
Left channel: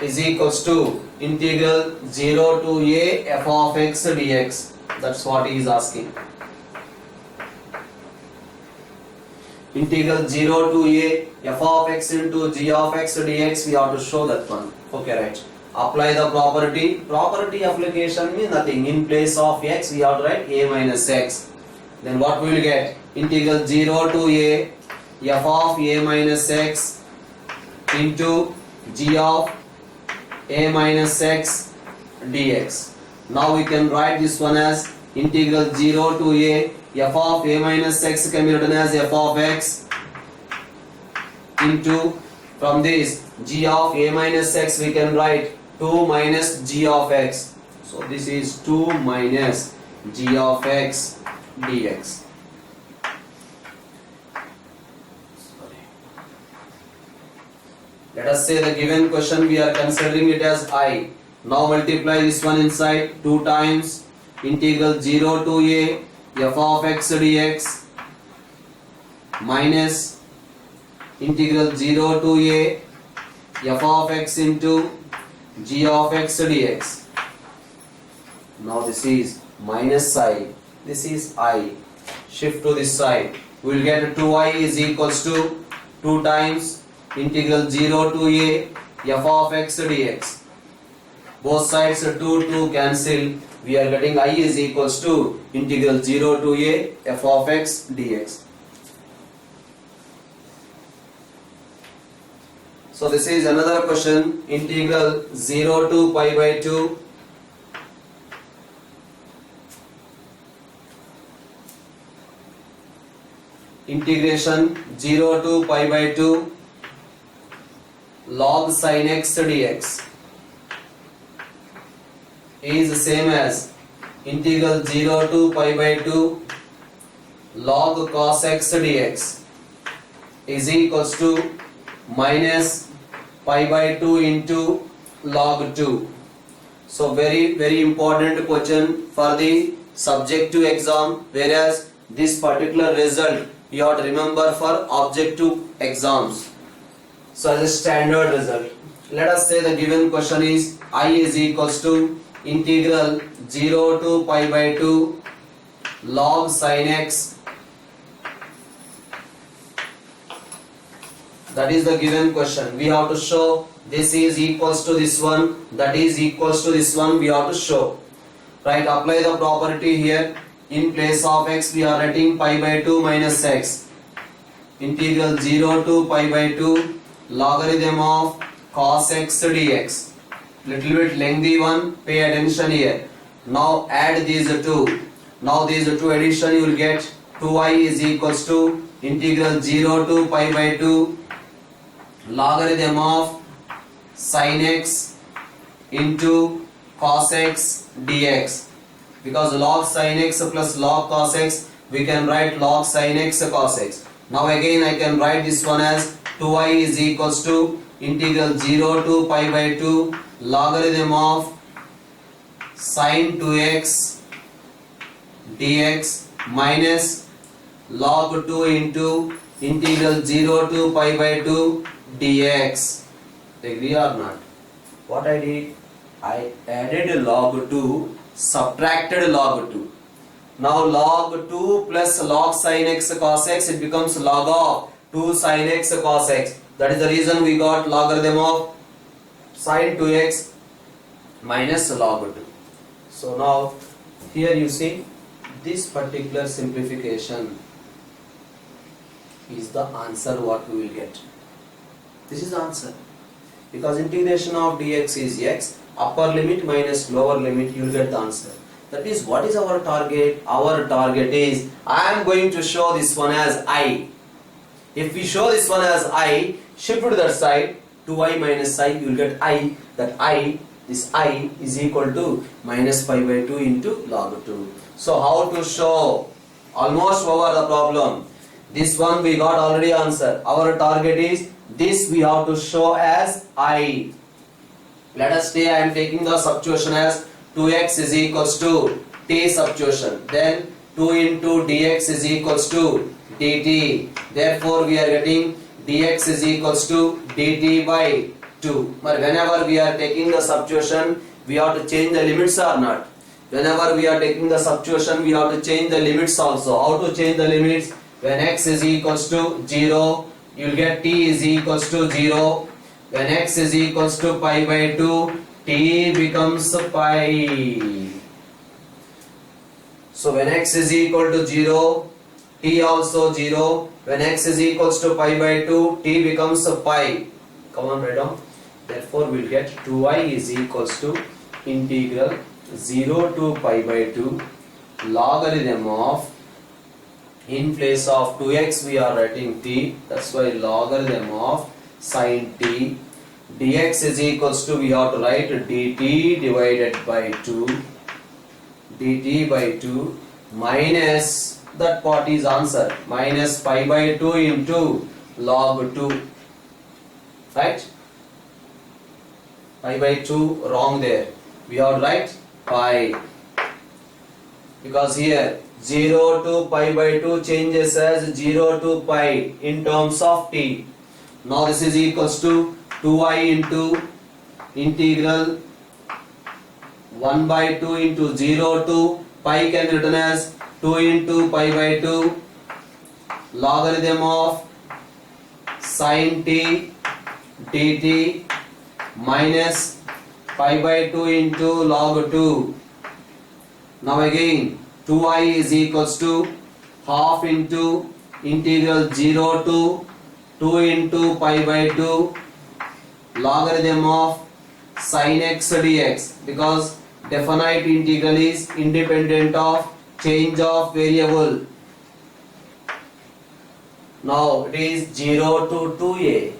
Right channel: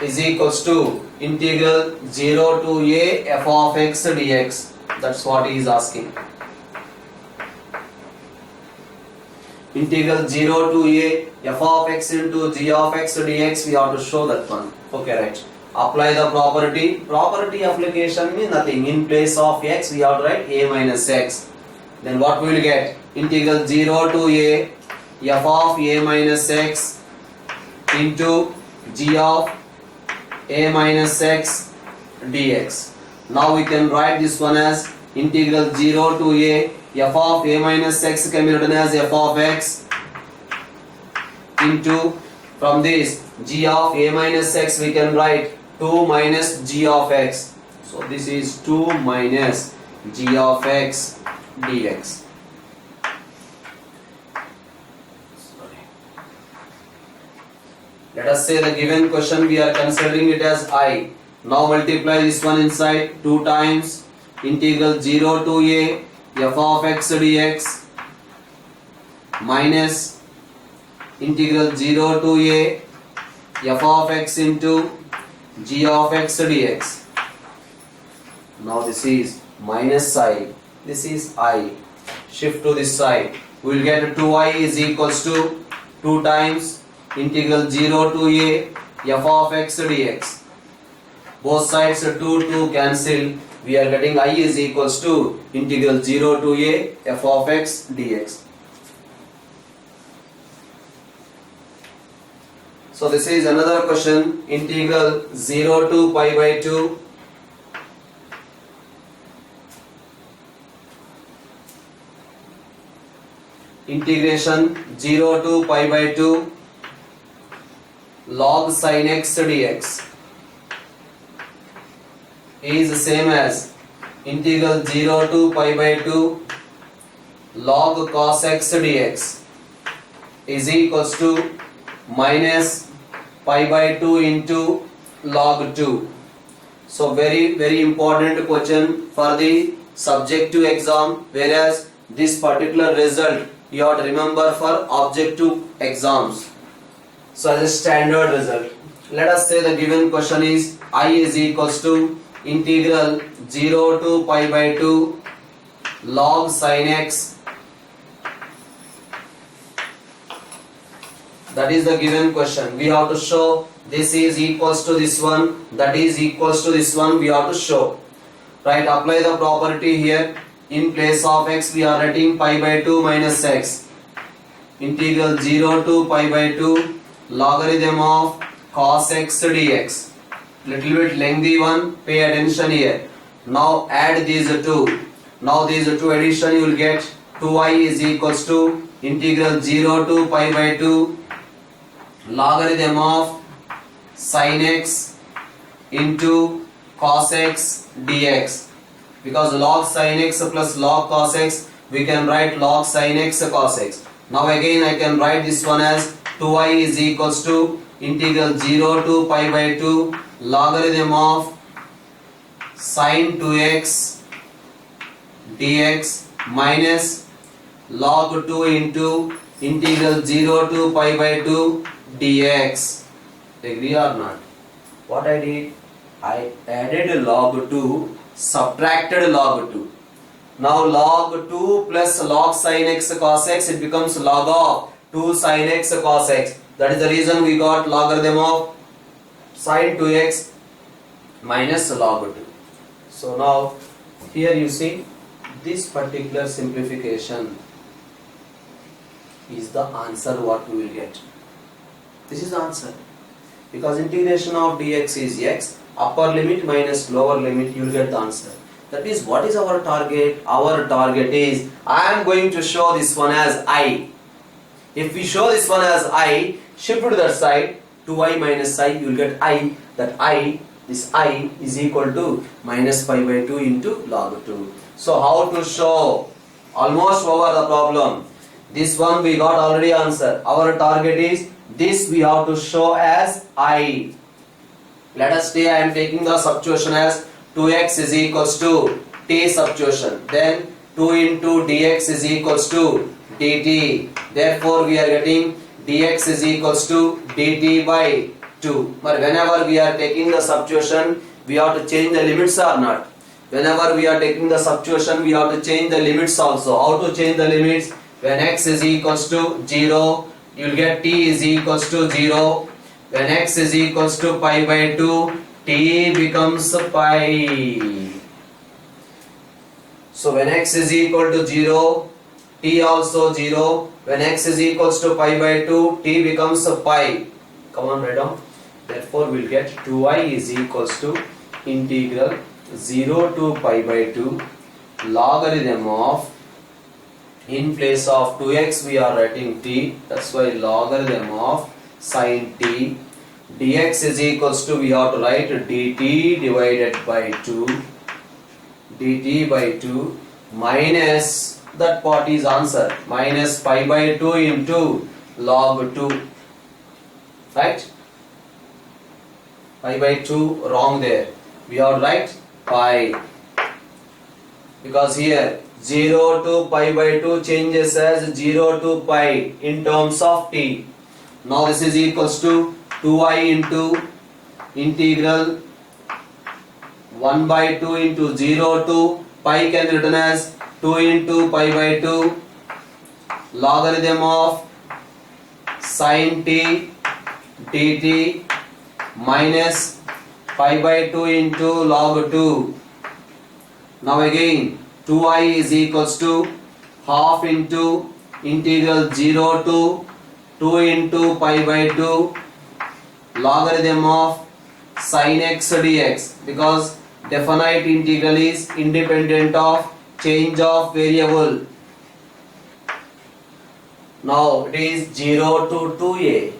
is equals to integral 0 to a f of x dx. That's what he is asking. Integral 0 to a f of x into g of x dx, we have to show that one. Okay, right. Apply the property. Property application means nothing. In place of x, we have to write a minus x. Then what we will get? Integral 0 to a f of a minus x into g of a minus x dx. Now we can write this one as integral 0 to a f of a minus x can be written as f of x into, from this g of a minus x we can write 2 minus g of x. So this is 2 minus g of x dx. Let us say the given question we are considering it as I. Now multiply this one inside. 2 times integral 0 to a f of x dx minus integral 0 to a f of x into g of x dx. Now this is minus I. This is I. Shift to this side. We will get 2i is equals to 2 times integral 0 to a f of x dx. Both sides 2 cancel. we are getting I is equals to integral 0 to a f of x dx. So this is another question, integral 0 to pi by 2 integration 0 to pi by 2 log sin x dx is the same as integral 0 to pi by 2 log cos x dx is equals to minus pi by 2 into log 2. So very important question for the subjective exam, whereas this particular result you have to remember for objective exams. So as a standard result, let us say the given question is I is equals to integral 0 to pi by 2 log sin x. That is the given question. We have to show this is equals to this one, that is equals to this one, we have to show. Right, apply the property here. In place of x we are writing pi by 2 minus x. Integral 0 to pi by 2 logarithm of cos x dx. Little bit lengthy one, pay attention here. Now add these two. Now these two addition you will get 2y is equals to integral 0 to pi by 2 logarithm of sin x into cos x dx. Because log sin x plus log cos x, we can write log sin x cos x. Now again I can write this one as 2y is equals to integral 0 to pi by 2 logarithm of sin 2x dx minus log 2 into integral 0 to pi by 2 dx. Agree or not? What I did? I added log 2, subtracted log 2. Now log 2 plus log sin x cos x, it becomes log of 2 sin x cos x. That is the reason we got logarithm of sin 2x minus log 2. So now here you see this particular simplification is the answer what we will get. This is the answer. Because integration of dx is x, upper limit minus lower limit, you will get the answer. That is, what is our target? Our target is, I am going to show this one as I. If we show this one as I, shift to that side, 2i minus I, you will get I. That I, this I is equal to minus pi by 2 into log 2. So how to show? Almost over the problem. This one we got already answer. Our target is, this we have to show as I. Let us say I am taking the substitution as 2x is equals to t substitution. Then 2 into dx is equals to dt. Therefore we are getting dx is equals to dt by 2. But whenever we are taking the substitution, we have to change the limits or not. Whenever we are taking the substitution, we have to change the limits also. How to change the limits? When x is equals to 0, you will get t is equals to 0. When x is equals to pi by 2, t becomes pi. So when x is equal to 0, t also 0. When x is equals to pi by 2, t becomes pi. Come on, write down. Therefore we will get 2i is equals to integral 0 to pi by 2 logarithm of, in place of 2x we are writing t, that's why logarithm of sin t dx is equals to, we have to write dt divided by 2, dt by 2 minus, that part is answer, minus pi by 2 into log 2, right? Pi by 2 wrong there, we have to write pi, because here 0 to pi by 2 changes as 0 to pi in terms of t. Now this is equals to 2i into integral 1 by 2 into 0 to pi can be written as 2 into pi by 2 logarithm of sin t dt minus pi by 2 into log 2 Now again 2i is equals to half into integral 0 to 2 into pi by 2 logarithm of sin x dx, because definite integral is independent of change of variable. Now it is 0 to 2a,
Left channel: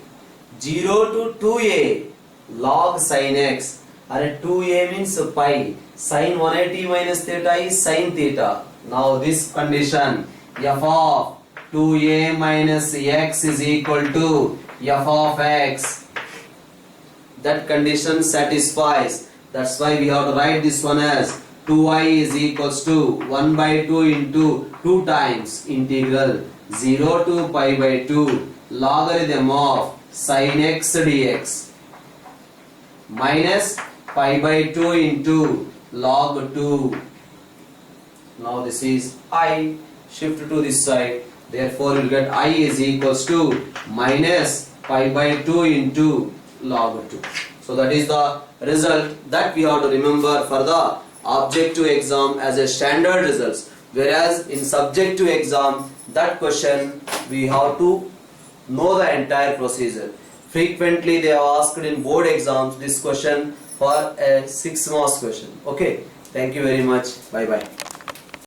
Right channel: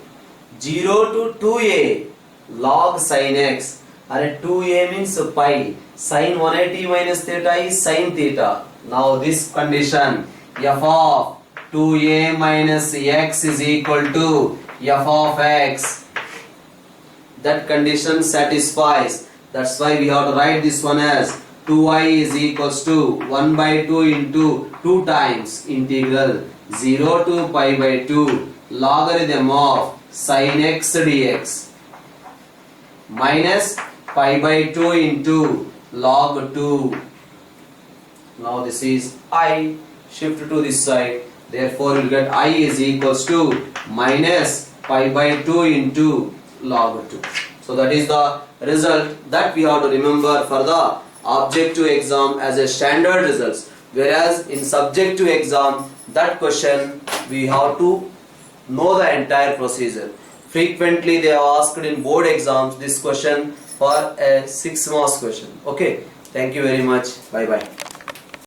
0 to 2a log sin x, and 2a means pi, sin 180 minus theta is sin theta. Now this condition f of 2a minus x is equal to f of x, that condition satisfies. That's why we have to write this one as 2i is equals to 1 by 2 into 2 times integral 0 to pi by 2 logarithm of sin x dx minus pi by 2 into log 2. Now this is I, shift to this side, therefore you will get I is equals to minus pi by 2 into log 2. So that is the result that we have to remember for the objective exam as a standard results, whereas in subjective exam that question we have to know the entire procedure. Frequently they are asked in board exams this question for a 6 marks question. Okay, thank you very much. Bye bye.